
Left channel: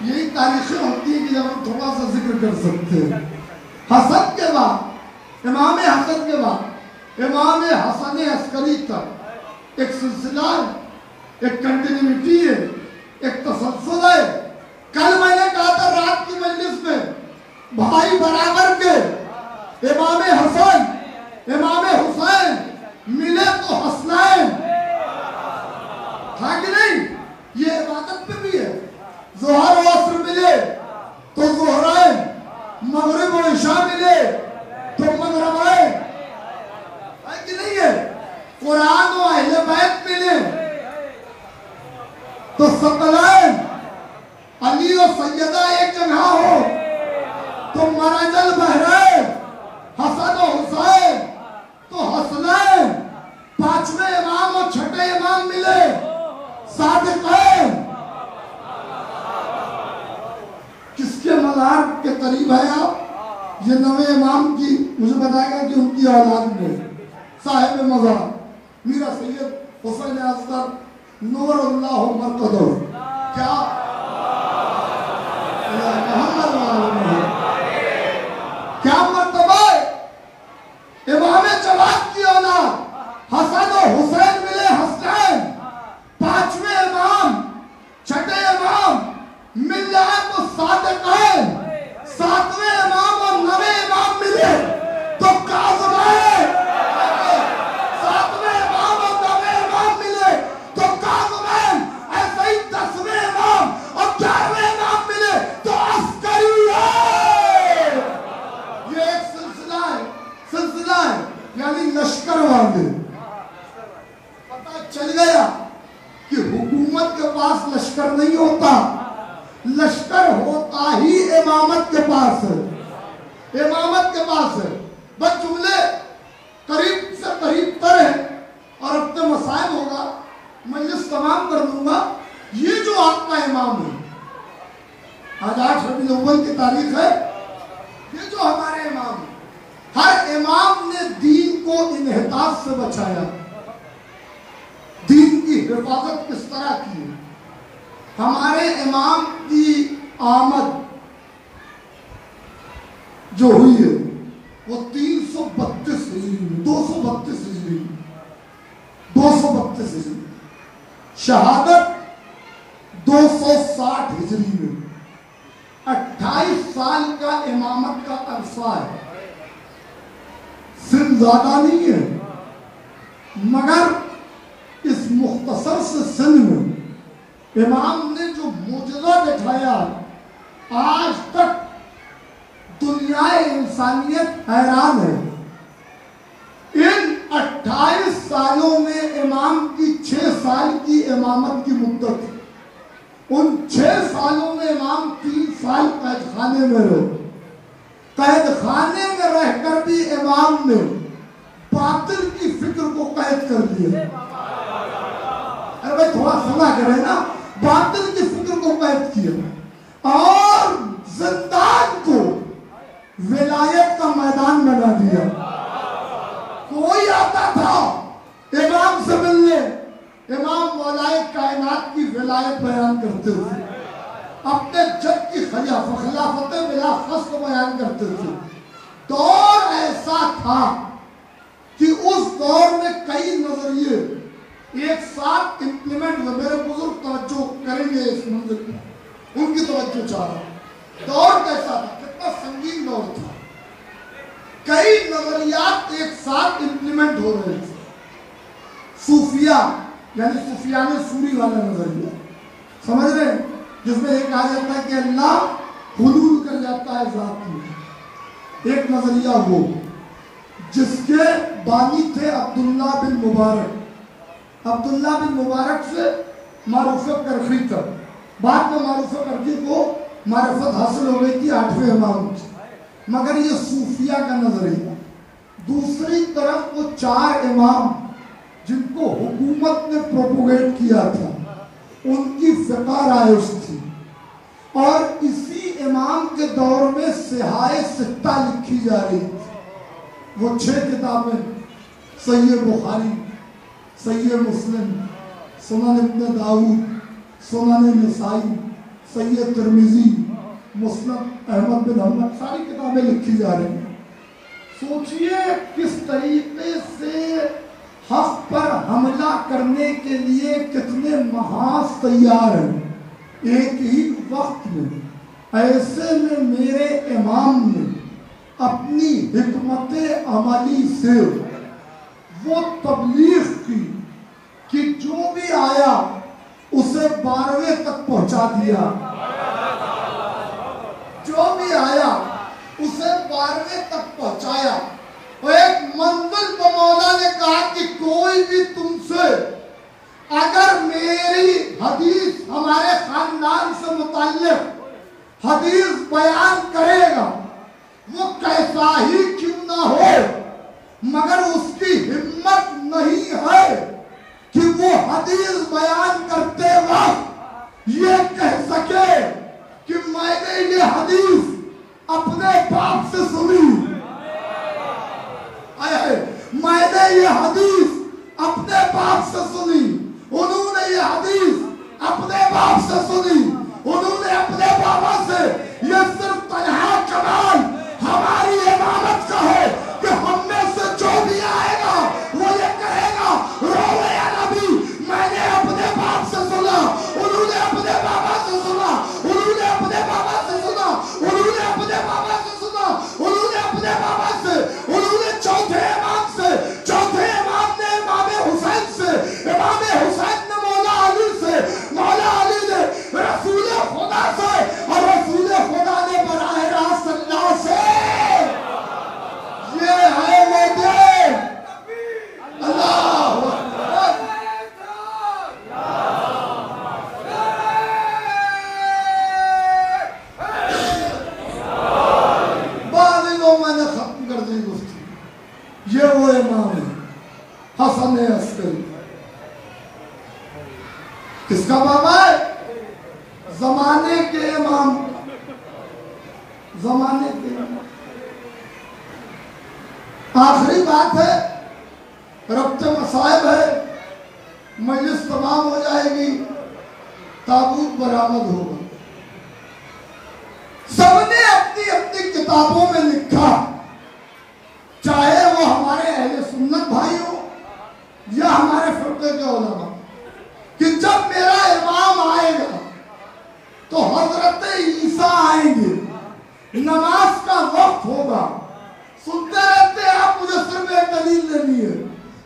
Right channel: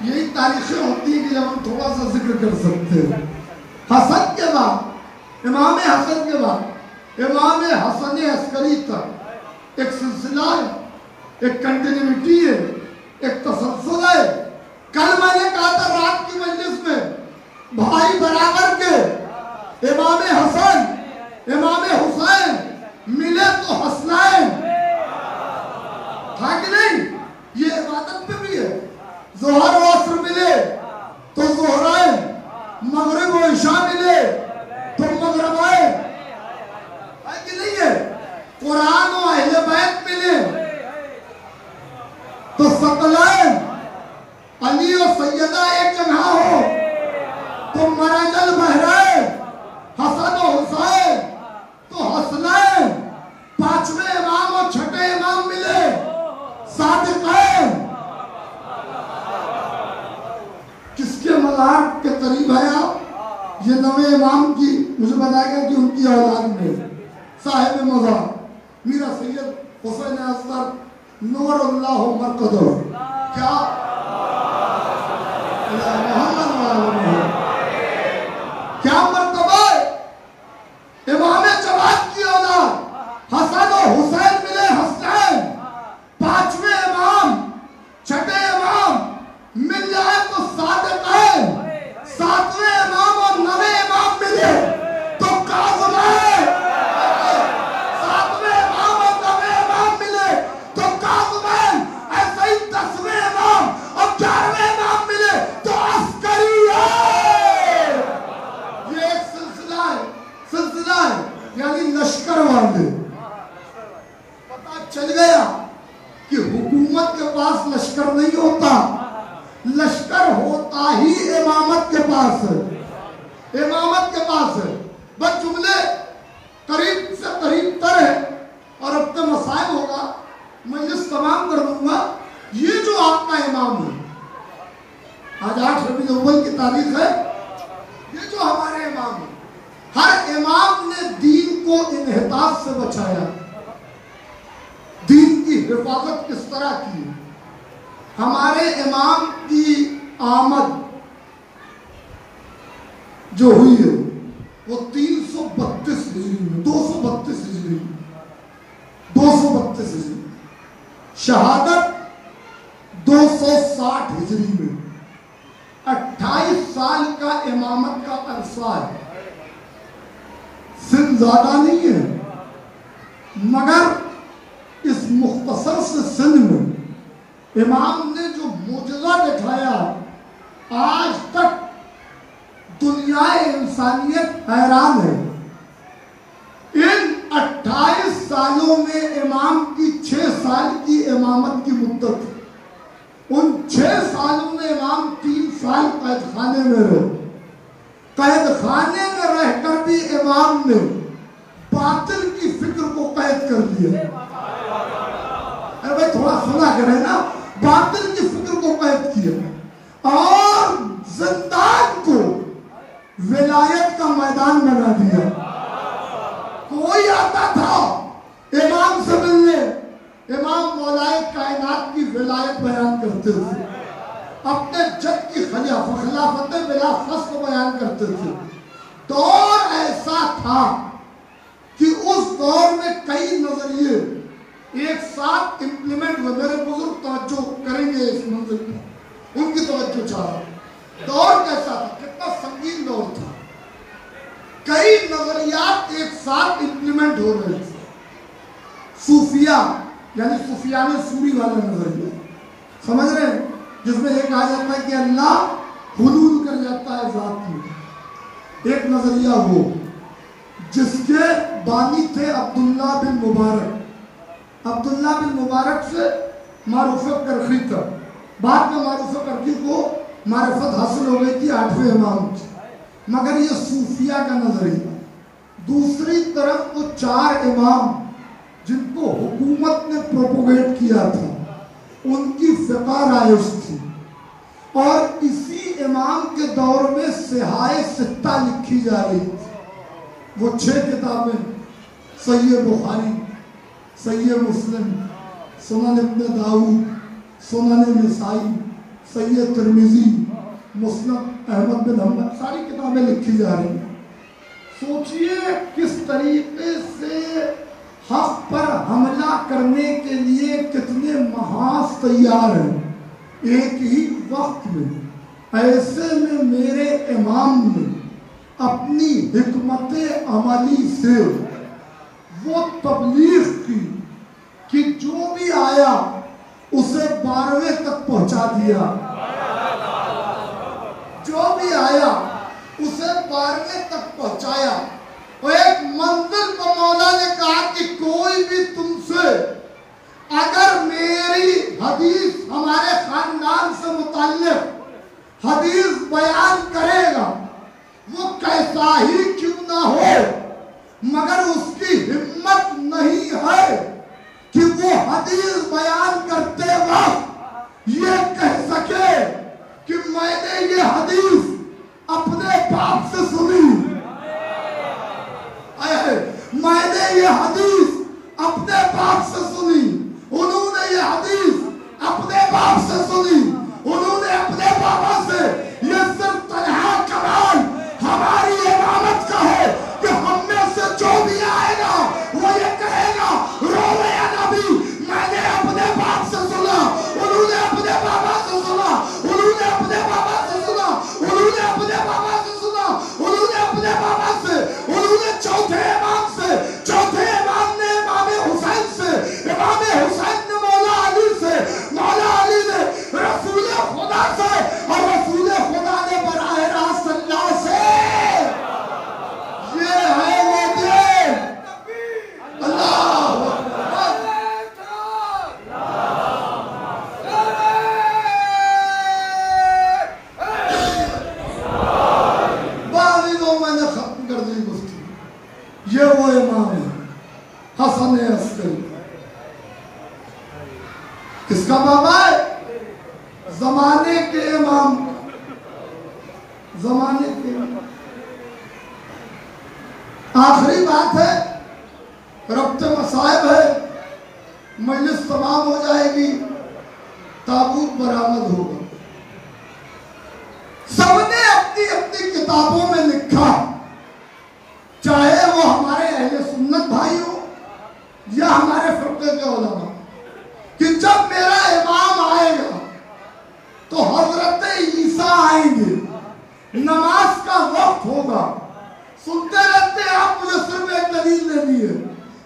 یہی تاریخیں ہوتی ہیں کہ ہم تھوڑا سا ذکر کر سکتے ہیں. حسن کے بعد، امام حسن کے بعد امام حسن عسکری تک ایک سلسلہ ہے، ایک کنٹینیوٹی ہے، ایک تسلسل ہے. کل میں نے کہا تھا رات کی مجلس میں بھائی برابر کے امام حسن امام حسین ملے تو حسنین، تھا کہ نہیں؟ یہ عبادت پہ بھی ہے. ظہر و عصر ملے تو ظہرائن، مغرب و عشاء ملے تو مغربائن، ہے کہ نہیں ہے؟ قرآن و اہل بیت ملے تو ثقلین، علی و سیدہ ایک جگہ ہو تو مرج البحرین، حسن و حسین تو حسنین. پانچویں امام اور چھٹے امام ملے صادقین. کس کے مزار کے قریب ہے آپ؟ یہ نوے امام کی مجھے بتایا گیا کہ ان کی اولاد میں صاحب مزار میرا سید حسین اصغر نور اللہ مرکزہ. کیا کیا مرتبہ ہے؟ امام جواد کی اولاد حسن و حسین ملے حسنین. پانچویں امام چھٹے امام مل جائے تو صادقین. ساتویں امام اور نویں امام ملے تو کاظمین. ساتویں امام اور نویں امام ملے تو کاظمین. ایسے ہی 10ویں امام اور 11ویں امام ملے تو عسکری ہے. یہ ایک سلسلہ ہے یعنی لشکر والے. پتہ چل گیا کہ حکومت کے پاس لشکر نہیں ہوتا، لشکر ہوتا ہی امامت کے پاس ہے. امامت کے پاس ہے. بس جملے قریب سے قریب تر ہے اور اب تو مسائل ہوگا، مجلس تمام کر دوں گا. یہ جو آپ کا امام ہے، آج 8 ربیع الاول کی تاریخ ہے، یہ جو ہمارے امام ہیں، ہر امام نے دین کو انحطاط سے بچایا. دین کی حفاظت کس طرح کی؟ ہمارے امام کی آمد جو ہوئی ہے وہ 332 ہجری میں، 232 ہجری میں، 232 ہجری. شہادت 260 ہجری میں. 28 28 سال کا امامت کا عرصہ ہے، سن زیادہ نہیں ہے، مگر اس مختصر سے سن میں امام نے جو معجزہ دکھایا آج تک دنیا انسانیت حیران ہے۔ ان 28 سالوں میں امام کی 6 سال کی امامت کی مدت، ان 6 سالوں میں امام 3 سال قید خانے میں رہے۔ قید خانے میں رہ کر بھی امام نے باطل کی فکر کو قید کر دیا۔ ارے بھائی تھوڑا سنا کرے نا، باطل کی فکر کو قید کیا اور زندان کو ولایت کا میدان بنا دیا۔ کوئی آتا تھا امام سے ملنے، امام مولائے کائنات کی ولایت بیان کرتے تھے، اپنے جد کی خلافت بلا فصل بیان کرتے تھے۔ دور ایسا تھا کہ اس دور میں کئی نظریے ایک ساتھ امپلیمنٹ ہوئے۔ میرے بزرگ توجہ کریں گے اس منظر پر، ان کی توجہ چاہ رہا ہوں۔ دور کیسا تھا، کتنا سنگین دور تھا، کئی نظریات ایک ساتھ امپلیمنٹ ہو رہے تھے۔ صوفیہ یعنی سفیان سوری والا نظریہ، سمجھ رہے ہیں، جس میں یہ کہا جاتا ہے کہ اللہ حلول کر جاتا ہے ذات میں۔ ایک نظریہ وہ جس کے بانی تھے عبداللہ بن مبارک، عبداللہ بن مبارک سے معرفت کرخی تک، بعد میں معرفت کرخی کو معرفت حاصل ہو گئی تھی 8ویں امام سے، مگر یہ صوفیہ کا نظریہ۔ دوسری طرف وہ 4 امام جن کو حکومت نے پروپوگیٹ کیا تھا، ان کی فقہ رائج تھی، اور اسی امام کے دور میں صحائے ستہ لکھی جا رہی تھی۔ وہ 6 کتابیں، صحیح بخاری، صحیح مسلم، سنن ابن داؤد، سنن نسائی، صحیح ترمذی، مسند احمد بن حنبل، ساری کتابیں لکھی جا رہی ہیں۔ سوچئے کس طریقے سے حق پر حملہ کرنے کے لیے کتنے محاذ تیار ہیں ایک ہی وقت میں۔ ایسے میں میرے امام نے اپنی حکمت عملی سے وہ تبلیغ کی کہ جو بھی آیا اسے 12ویں تک پہنچا دیا، جو بھی آیا اسے 12ویں تک پہنچایا۔ اور ایک منزل پر مولا نے کہا کہ کوئی بھی تم سے اگر میری حدیث ہمارے خاندان سے متعلق حدیث بیان کرے گا، وہ کیسا ہی کیوں نہ ہو، مگر اس کی ہمت نہیں ہے کہ وہ حدیث بیان کرتے وقت یہ کہہ سکے کہ میں نے یہ حدیث اپنے باپ سے سنی، میں نے یہ حدیث اپنے باپ سے سنی، انہوں نے یہ حدیث اپنے باپ سے سنی، انہوں نے اپنے بابا سے۔ یہ صرف تنہا کمال ہماری امامت کا ہے کہ ہم میں سے جو بھی آئے گا وہ یہ کہے گا روے یا نبی، میں نے اپنے باپ سے سنا، انہوں نے اپنے بابا سے سنا، انہوں نے اپنے بابا سے سنا، انہوں نے اپنے بابا سے سنا، انہوں نے اپنے بابا سے، انہوں نے چوتھے امام سے، چوتھے امام نے امام حسین سے، امام حسین نے مولا علی سے، مولا علی نے رسول خدا سے، اور رسول خدا نے براہ راست اللہ سے۔ یہ ہے وہ دین، اللہ میں نے ختم کر دی گفتگو۔ یہ وہ امام ہے حسن عسکری، کس کا بابا ہے؟ زمانے کے امام، زمانے کے امام۔ آخری بات ہے، ربط مصائب ہے، مجلس تمام ہو جائے گی، تابوت برآمد ہوگا۔ سب نے اپنی اپنی کتابوں میں لکھا، چاہے وہ ہمارے اہل سنت بھائی ہو یا ہمارے فرقے کے علماء، کہ جب میرا امام آئے گا تو حضرت عیسیٰ آئیں گے लिए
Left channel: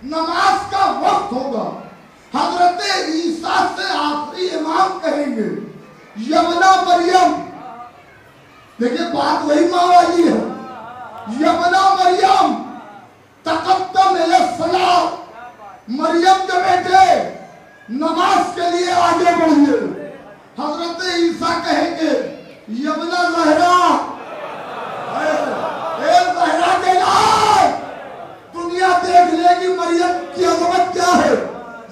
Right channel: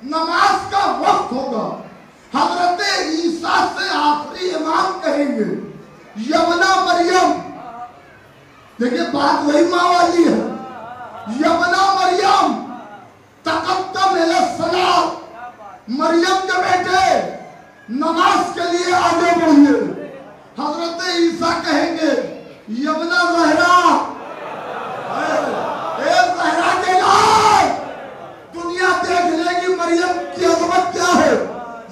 नमाज का वक्त होगा। हजरत ईसा से आखिरी इमाम कहेंगे यमना मरियम, देखिए बात वही माँ वाली है, यमना मरियम तकद्दम इला सलात, मरियम के बेटे नमाज के लिए आगे बढ़िए। हजरत ईसा कहेंगे यमना ज़हरा, ज़हरा के लाल, दुनिया देख लेगी मरियम की अजमत क्या है,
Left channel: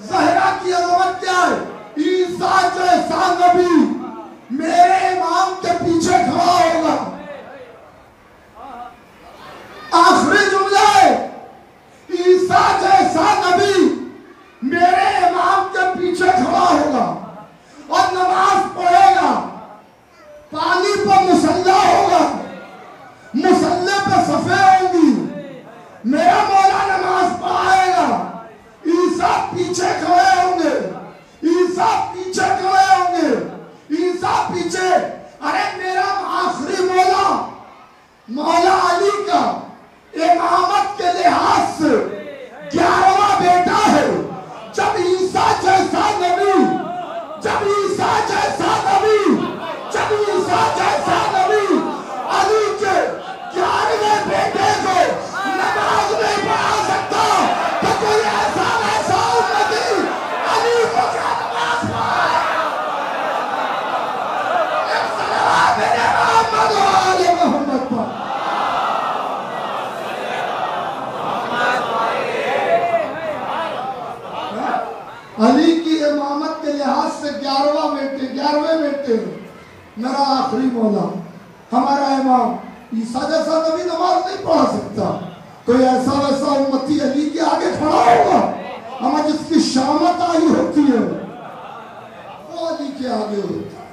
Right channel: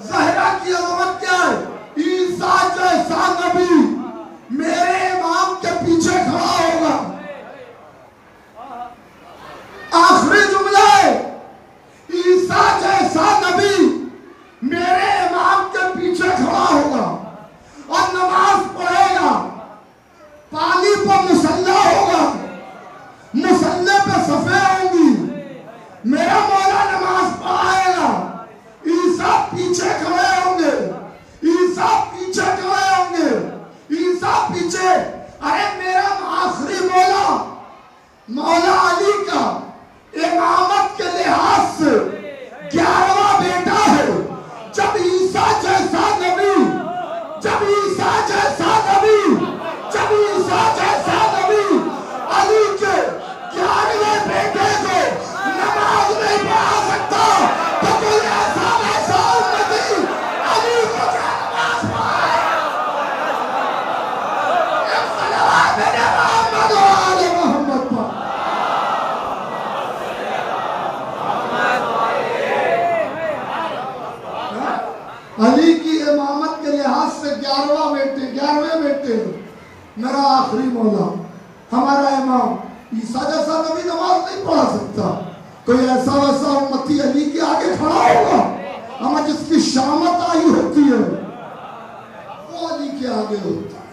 ज़हरा की अजमत क्या है। ईसा जैसा नबी मेरे इमाम के पीछे खड़ा होगा। आखिरी जुमला है, ईसा जैसा नबी मेरे इमाम के पीछे खड़ा होगा और नमाज पढ़ेगा। पानी पर मुसल्ला होगा, मुसल्ले पर सफे होंगी, मेरा मौला नमाज पढ़ाएगा। ईसा पीछे खड़े होंगे, ईसा पीछे खड़े होंगे, ईसा पीछे। अरे मेरा आखिरी मौला, मौला अली का इमामत के लिहाज से 11वां बेटा है। जब ईसा जैसा नबी, जब ईसा जैसा नबी, जब ईसा जैसा नबी अली के 11वें बेटे को नमाज नहीं पढ़ा सकता, तो कोई ऐसा वैसा उम्मती अली को क्या नमाज पढ़ाए। एक सलावत मेरे मोहम्मद व आले मोहम्मद पर। अली की इमामत के लिहाज से 11वें बेटे मेरा आखिरी मौला, हमारा इमाम। ईसा जैसा नबी नमाज नहीं पढ़ा सकता, कोई ऐसा वैसा उम्मती अली के आगे खड़ा होगा, हमें जिसकी शामत आई होती है वो अली के आगे होता है।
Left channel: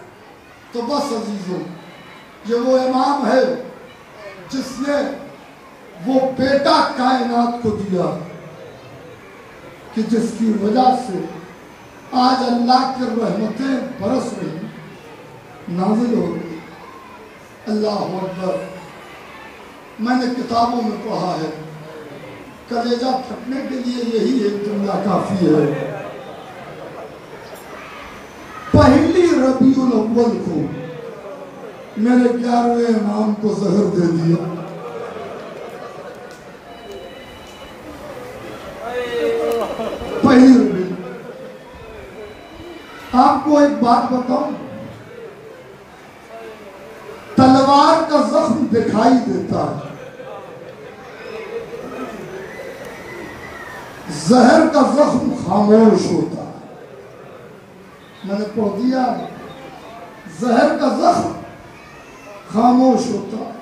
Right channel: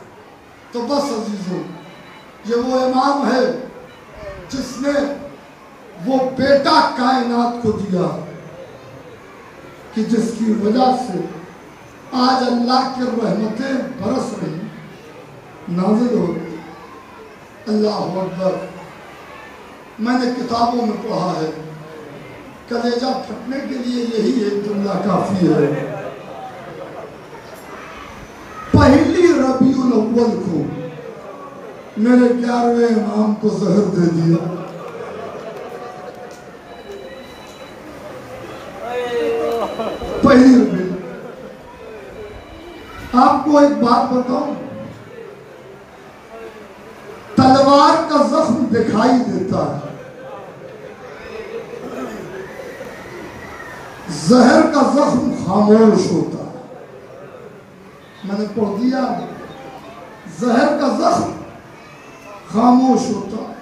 तो बस अजीजों, ये वो इमाम है जिसने वो बेटा कायनात को दिया कि जिसकी वजह से आज अल्लाह की रहमतें बरस रही, नाज़िल होती। अल्लाह अकबर। मैंने किताबों में पढ़ा है, कलेजा फटने के लिए यही एक जुमला काफी है। पहली रबीउल अव्वल को मेरे 11वें इमाम को जहर दे दिया। पहली रबी। आपको एक बात बताऊं, तलवार का जख्म दिखाई देता है, जहर का जख्म खामोश होता है। मैंने पढ़ दिया, जहर का जख्म खामोश होता है।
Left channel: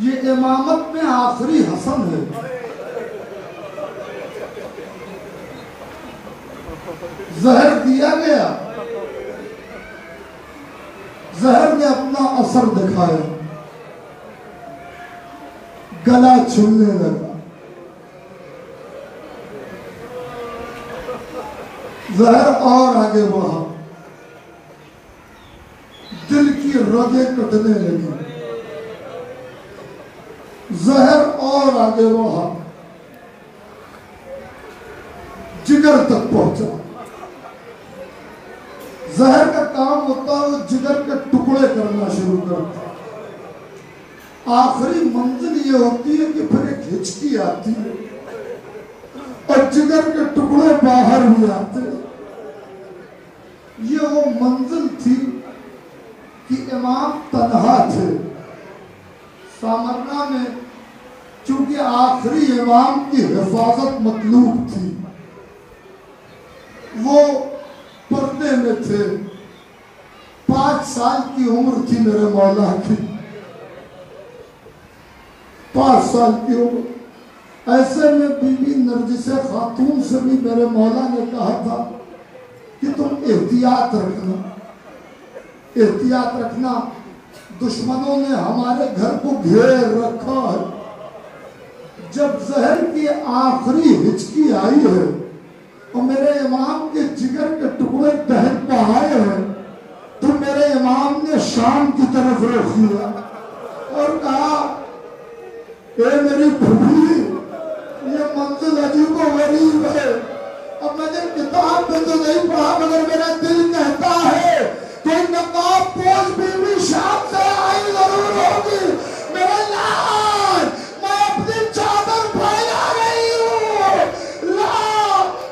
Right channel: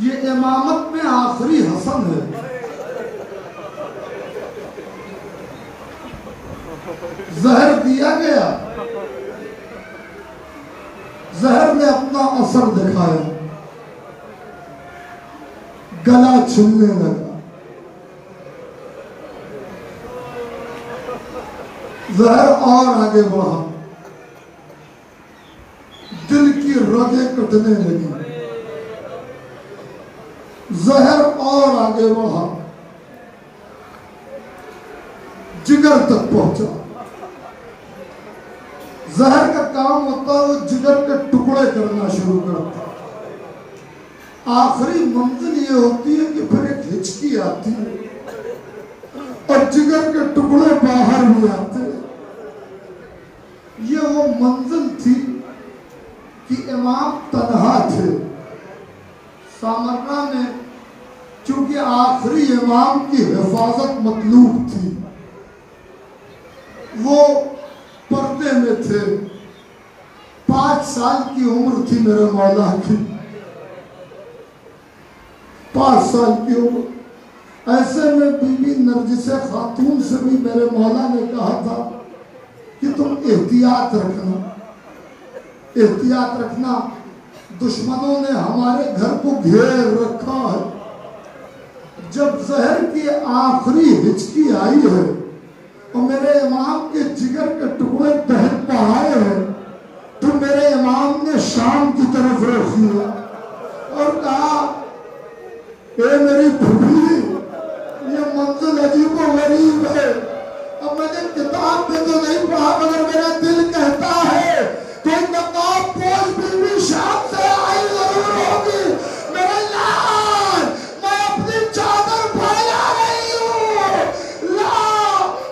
ये इमामत में आखिरी हसन है। जहर दिया गया, जहर ने अपना असर दिखाया, गला छिलने लगा। जहर और आगे बढ़ा, दिल की रगें कटने लगी। जहर और आगे बढ़ा, जिगर तक पहुंचा। जहर का काम होता है वो जिगर के टुकड़े करना शुरू करता है। आखिरी मंजिल ये होती है कि फिर एक हिचकी आती है और जिगर के टुकड़े बाहर भी आते हैं। ये वो मंजिल थी कि इमाम तन्हा थे। सामरना में चूंकि आखिरी इमाम की हिफाजत मतलूब थी, वो पर्दे में थे। 5 साल की उम्र थी मेरे मौला की, 5 साल की उम्र। ऐसे में बीबी नरजिस खातून से भी मेरे मौला ने कहा था कि तुम एहतियात रखना, एहतियात रखना, दुश्मनों ने हमारे घर को घेर रखा है। जब जहर की आखिरी हिचकी आई है और मेरे इमाम के जिगर के टुकड़े बहन पर आए हैं, तो मेरे इमाम ने शाम की तरफ रुख किया और कहा, ए मेरी फूफी, ये मंजिल अजीब व गरीब है। अब मैंने किताब में तो नहीं पढ़ा, मगर मेरा दिल कहता है कोई नकाब पोश बीवी शाम से आई जरूर होगी। मेरे लाल, मैं अपनी चादर फैला रही हूँ। ला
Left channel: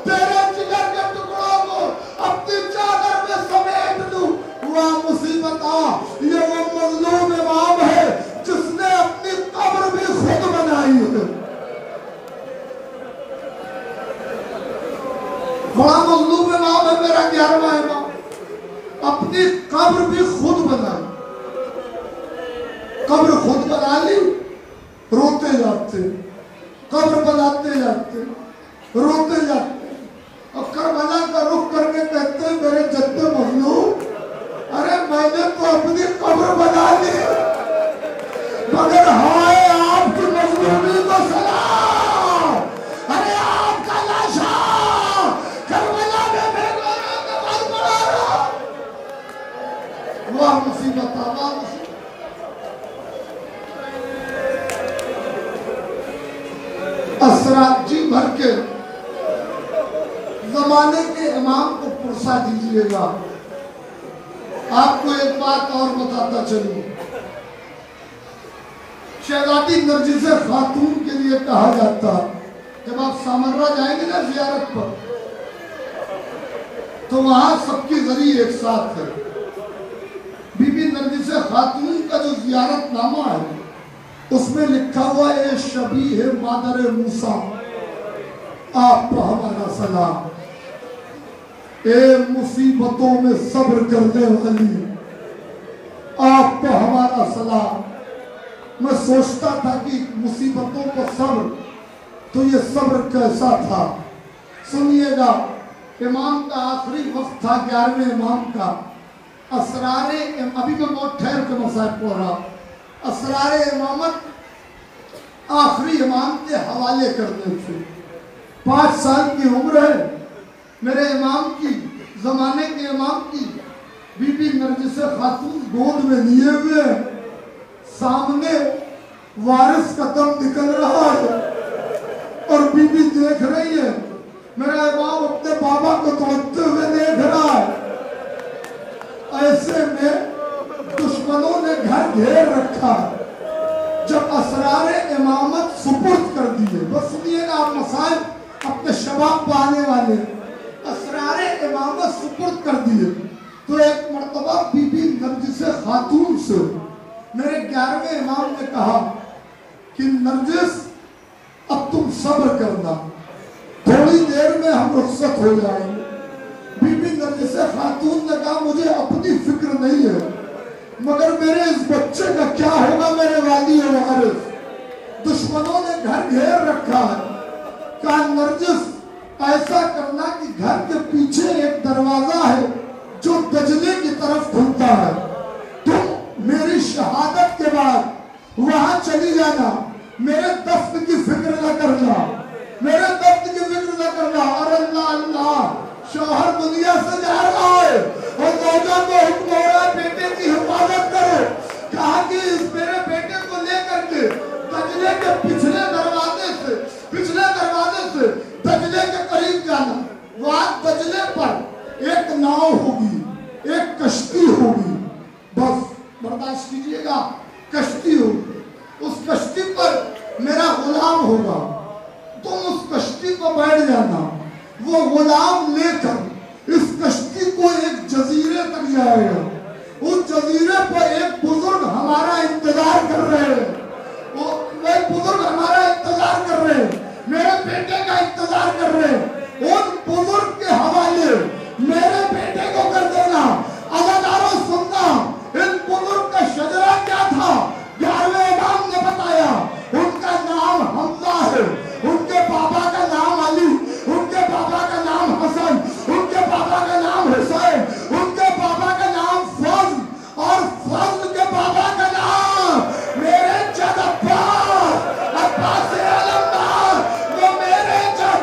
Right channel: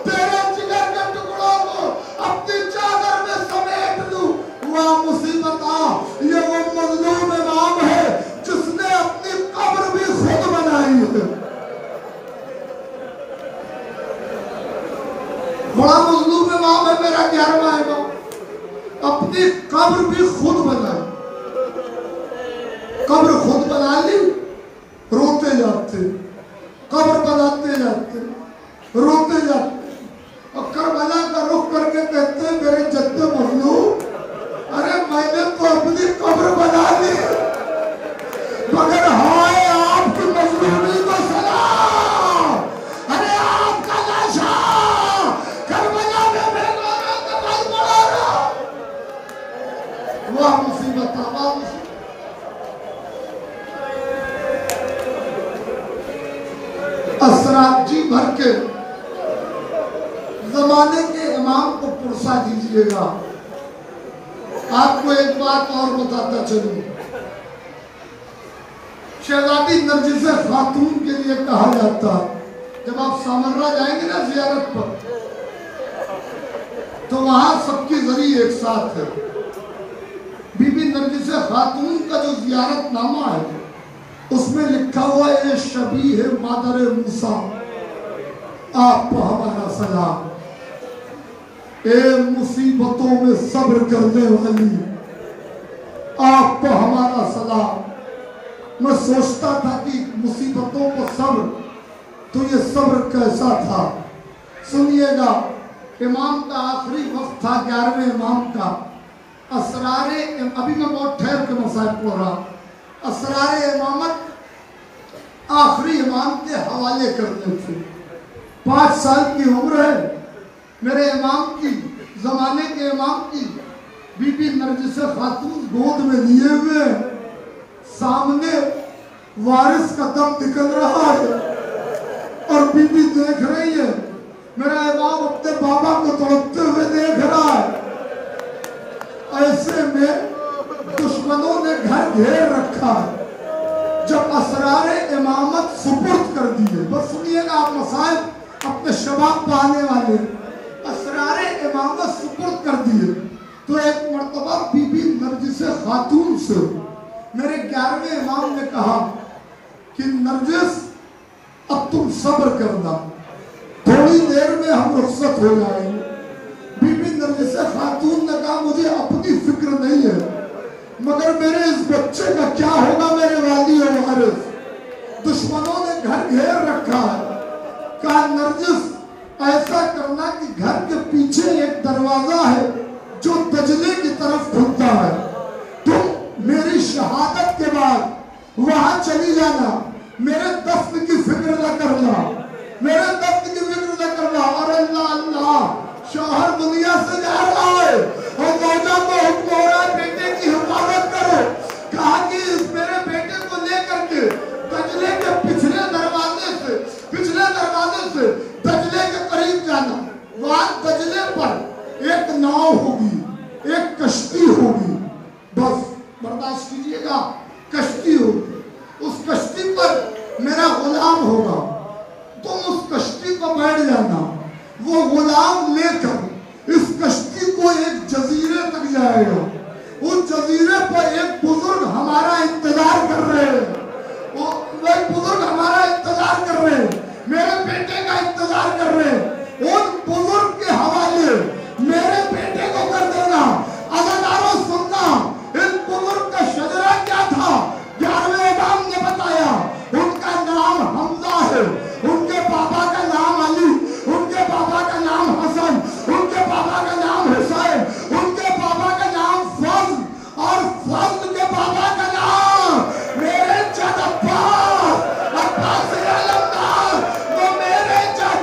तेरे जिगर के टुकड़ों को अपनी चादर में समेट लूं। वह मुसीबत ये वो मजलूम इमाम है जिसने अपनी कब्र भी खुद बनाई है। बड़ा मजलूम इमाम है मेरा 11वां इमाम, अपनी कब्र भी खुद बनाई। कब्र खुद बना ली, रोते जाते, कब्र बनाते जाते, रोते जाते, और करबला का रुख करके कहते हैं मेरे जद्दे मजलूम, अरे मैंने तो अपनी कब्र बना ली, मगर हाय आपकी मजलूमी को सलाम। अरे आपका लाशा करबला में बेगाना कमाल पड़ा रहा। वह मुसीबत तमाम असरात जी भर के जमाने के इमाम को पुरसा दीजिएगा। आपको एक बात और बताता चलूं, शहजादी नरगिस खातून के लिए कहा जाता, जब आप सामर्रा जाएंगे ना जियारत पर, तो वहां सबकी जरी एक साथ है। बीबी नरगिस खातून का जो जियारतनामा है उसमें लिखा हुआ है शबी है मादर मूसा, आपको हमारा सलाम। ए मुसीबतों में सब्र करने वाली, आपको हमारा सलाम। मैं सोचता था कि मुसीबतों को सब्र, तो ये सब्र कैसा था। सुनिएगा, इमाम का आखिरी वक्त था 11वें इमाम का। असरारे, अभी मैं बहुत ठहर के मसाइल पढ़ रहा, असरारे इमामत आखिरी इमाम के हवाले करने थे। 5 साल की उम्र है मेरे इमाम की, जमाने के इमाम की। बीबी नरगिस खातून गोद में लिए हुए, सामने वारिस का दम निकल रहा है और बीबी देख रही है। मेरा इमाम अपने बाबा को तड़पते हुए देख रहा है। ऐसे में दुश्मनों ने घर घेर रखा। जब असरारे इमामत सुपुर्द कर दिए, बस सुनिएगा आप मसाइल अपने शबाब पाने वाले, असरारे इमामत सुपुर्द कर दिए, तो एक मर्तबा बीबी नरगिस खातून से मेरे 11वें इमाम ने कहा कि नरगिस अब तुम सब्र करना, थोड़ी देर में हम रुखसत हो जाएंगे। बीबी नरगिस खातून ने कहा मुझे अपनी फिक्र नहीं है, मगर मेरे इस बच्चे का क्या होगा। मेरे वाली और वारिस, दुश्मनों ने घर घेर रखा है। कहा नरगिस ऐसा करना कि घर के पीछे एक दरवाजा है जो दजले की तरफ खुलता है, तुम मेरी शहादत के बाद वहां चली जाना, मेरे दफ्न की फिक्र न करना, मेरे दफ्न की फिक्र न करना। और अल्लाह अल्लाह, शौहर दुनिया से जा रहा है और मौजों को हुक्म हो रहा है बेटे की हिफाजत करो। कहा कि इस मेरे बेटे को लेकर के दजले के पिछले दरवाजे से दजले के करीब जाना। वहां दजले पर एक नाव होगी, एक कश्ती होगी, बस बर्दाश्त कीजिएगा, कश्ती होगी। उस कश्ती पर मेरा गुलाम होगा, तुम उस कश्ती को बैठ जाना। वो गुलाम लेकर इस कश्ती को एक जजीरे तक जाएगा। उस जजीरे पर एक बुजुर्ग हमारा इंतजार कर रहे हैं, वो बुजुर्ग हमारा इंतजार कर रहे हैं, मेरे बेटे का इंतजार कर रहे हैं। उन बुजुर्ग के हवाले मेरे बेटे को कर देना। अदाकारों सुनना, इन बुजुर्ग का शजरा क्या था 11वें इमाम ने बताया। उनका नाम हमजा है, उनके पापा का नाम अली, उनके पापा का नाम हसन, उनके पापा का नाम हुसैन, उनके पापा का नाम फजल, और फजल के पापा का नाम मेरे जद अब्बास, अब्बास अलमदार। वो मेरे जद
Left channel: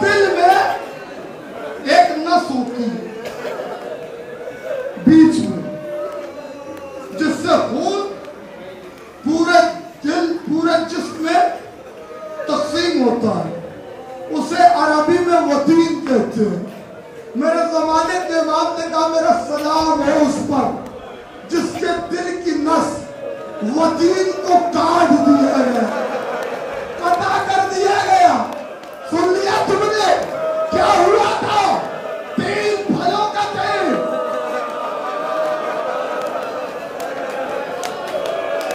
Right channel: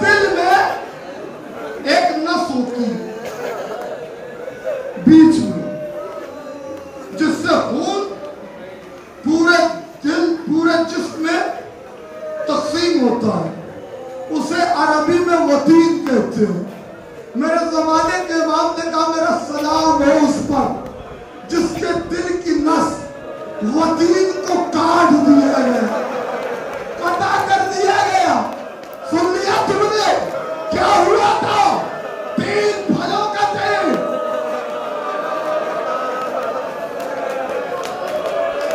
दिल में एक नस होती है बीच में, जिससे खून पूरे दिल पूरे जिस्म में तकसीम होता है, उसे अरबी में वतीन कहते हैं। मेरे जमाने के इमाम ने कहा मेरा सलाम है उस पर जिसके दिल की नस वतीन को काट दिया गया, कटा कर दिया गया। सुन लिया तुमने क्या हुआ था? 3 फलों का तेल।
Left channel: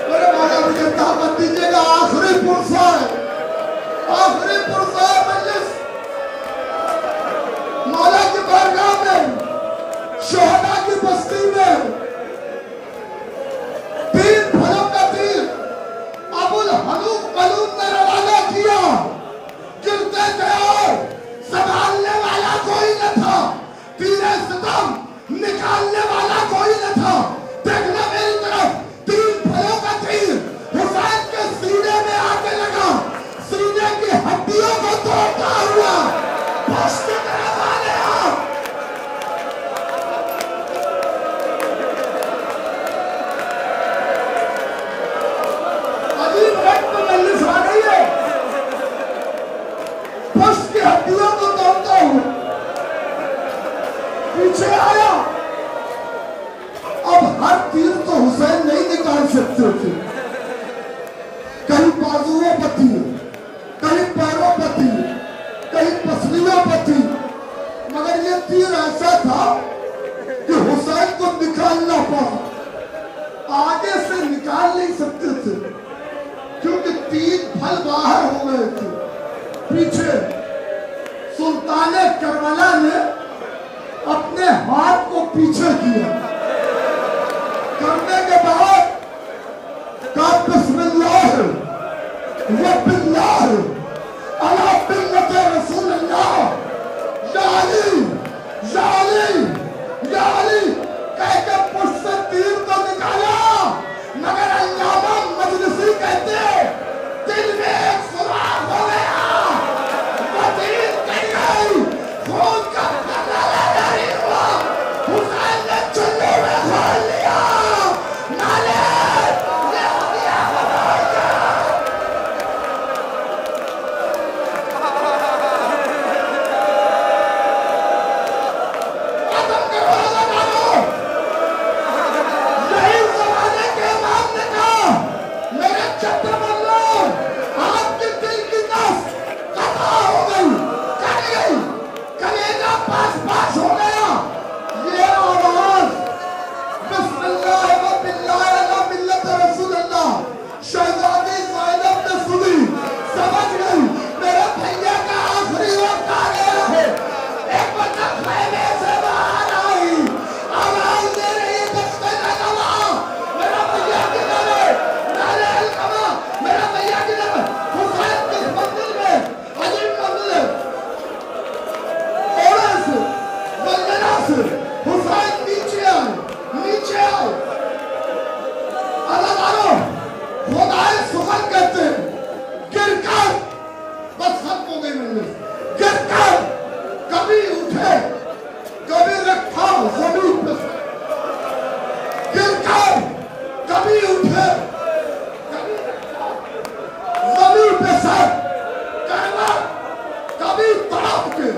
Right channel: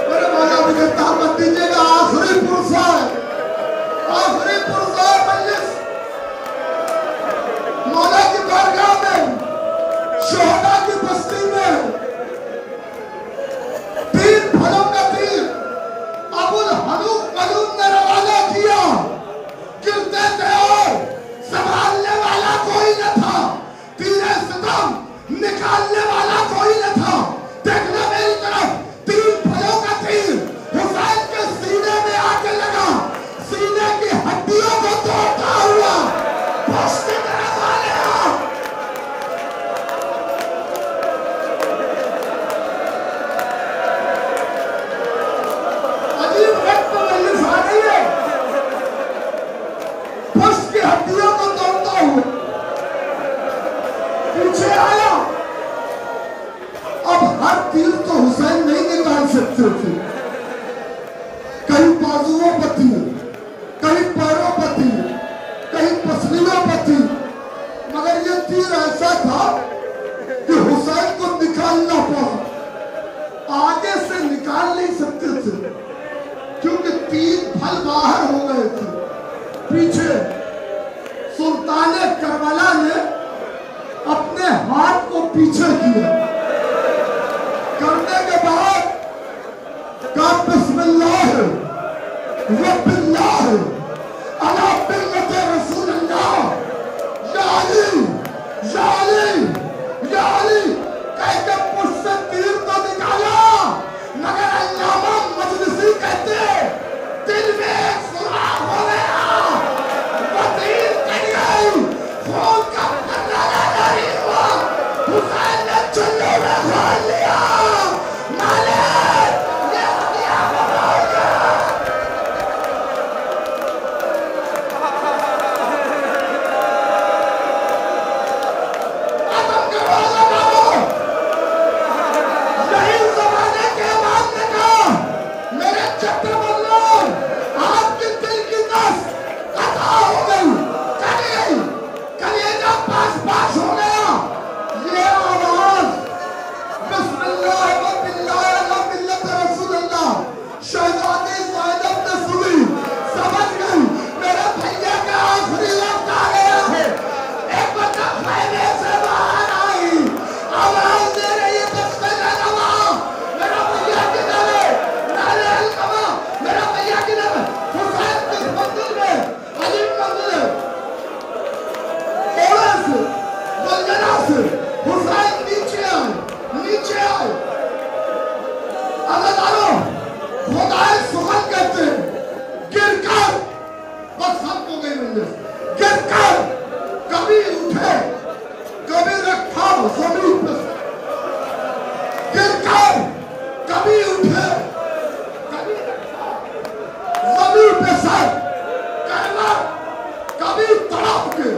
मेरे भाई मुझे ताकत दीजिएगा, आखिरी पुरसा है, आखिरी पुरसा मजलिस मौला की बारगाह में, शोहदा की बस्ती में 3 फलों का तेल अबुल हनूफ मलूम ने रवाना किया। गिरते थे, संभालने वाला कोई न था, तीरे सितम निकालने वाला कोई न था। देखना मेरी तरफ, 3 फलों का तेल हुसैन के सीने में आके लगा, सीने की हड्डियों को तोड़ता हुआ फर्श की तरफ आ गया। अजीब वक्त में मजलिस आ रही है, फर्श की हड्डियों को तोड़ता हुआ पीछे आया। अब हर तीर तो हुसैन नहीं निकाल सकते थे, कहीं बाजुओं पर थी, कहीं पैरों पर थी, कहीं पसलियों पर थी, मगर ये तीर ऐसा था कि हुसैन को निकालना पड़ा। आगे से निकाल नहीं सकते थे क्योंकि 3 फल बाहर हो गए थे। पीछे सुल्तान करबला ने अपने हाथ को पीछे किया, करने के बाद कहा बिस्मिल्लाह व बिल्लाह अला बिल्लत रसूलल्लाह, या अली या अली या अली कह के पुष्ट से तीर को निकाला। मगर अल्लामा मजलिसी कहते दिल में एक सुराख हो गया, वो तीर कट गई, खून का कतरा जारी हुआ। हुसैन ने चुल्लू में खोल लिया, मालिक ये हथियार बदल गया। आदम के रोज़े मारो, यही ज़माने के इमाम ने कहा मेरे चट्टे बल्लो, आपके दिल की नस कटा हो गई, कट गई, कलेजा पास हो गया। ये आवाज बिस्मिल्लाह व बिल्लाह अला मिल्लत रसूलल्लाह शहजादी ज़ैनब ने सुनी, समझ गई मेरे भैया का आखिरी वक्त आ गया है। एक बंदा खैमे से बाहर आई, आवाज दे रही है दस्तक अलमा, मेरा भैया किधर है? नाले अलकमा, मेरा भैया किधर है? हुसैन की मंदिर में, अजीब मंदिर है, ओले से वंदना से हुसैन नीचे आओ, नीचे आओ। अल्लाह ताला खुदाए सुगन कहते हैं, गिरकर बस हम हो गई मंदिर, गिरकर कभी उठे कभी रखा जमीन पे, गिरकर कभी उठे कभी रखा जमीन पे सर, कहना कभी तड़प के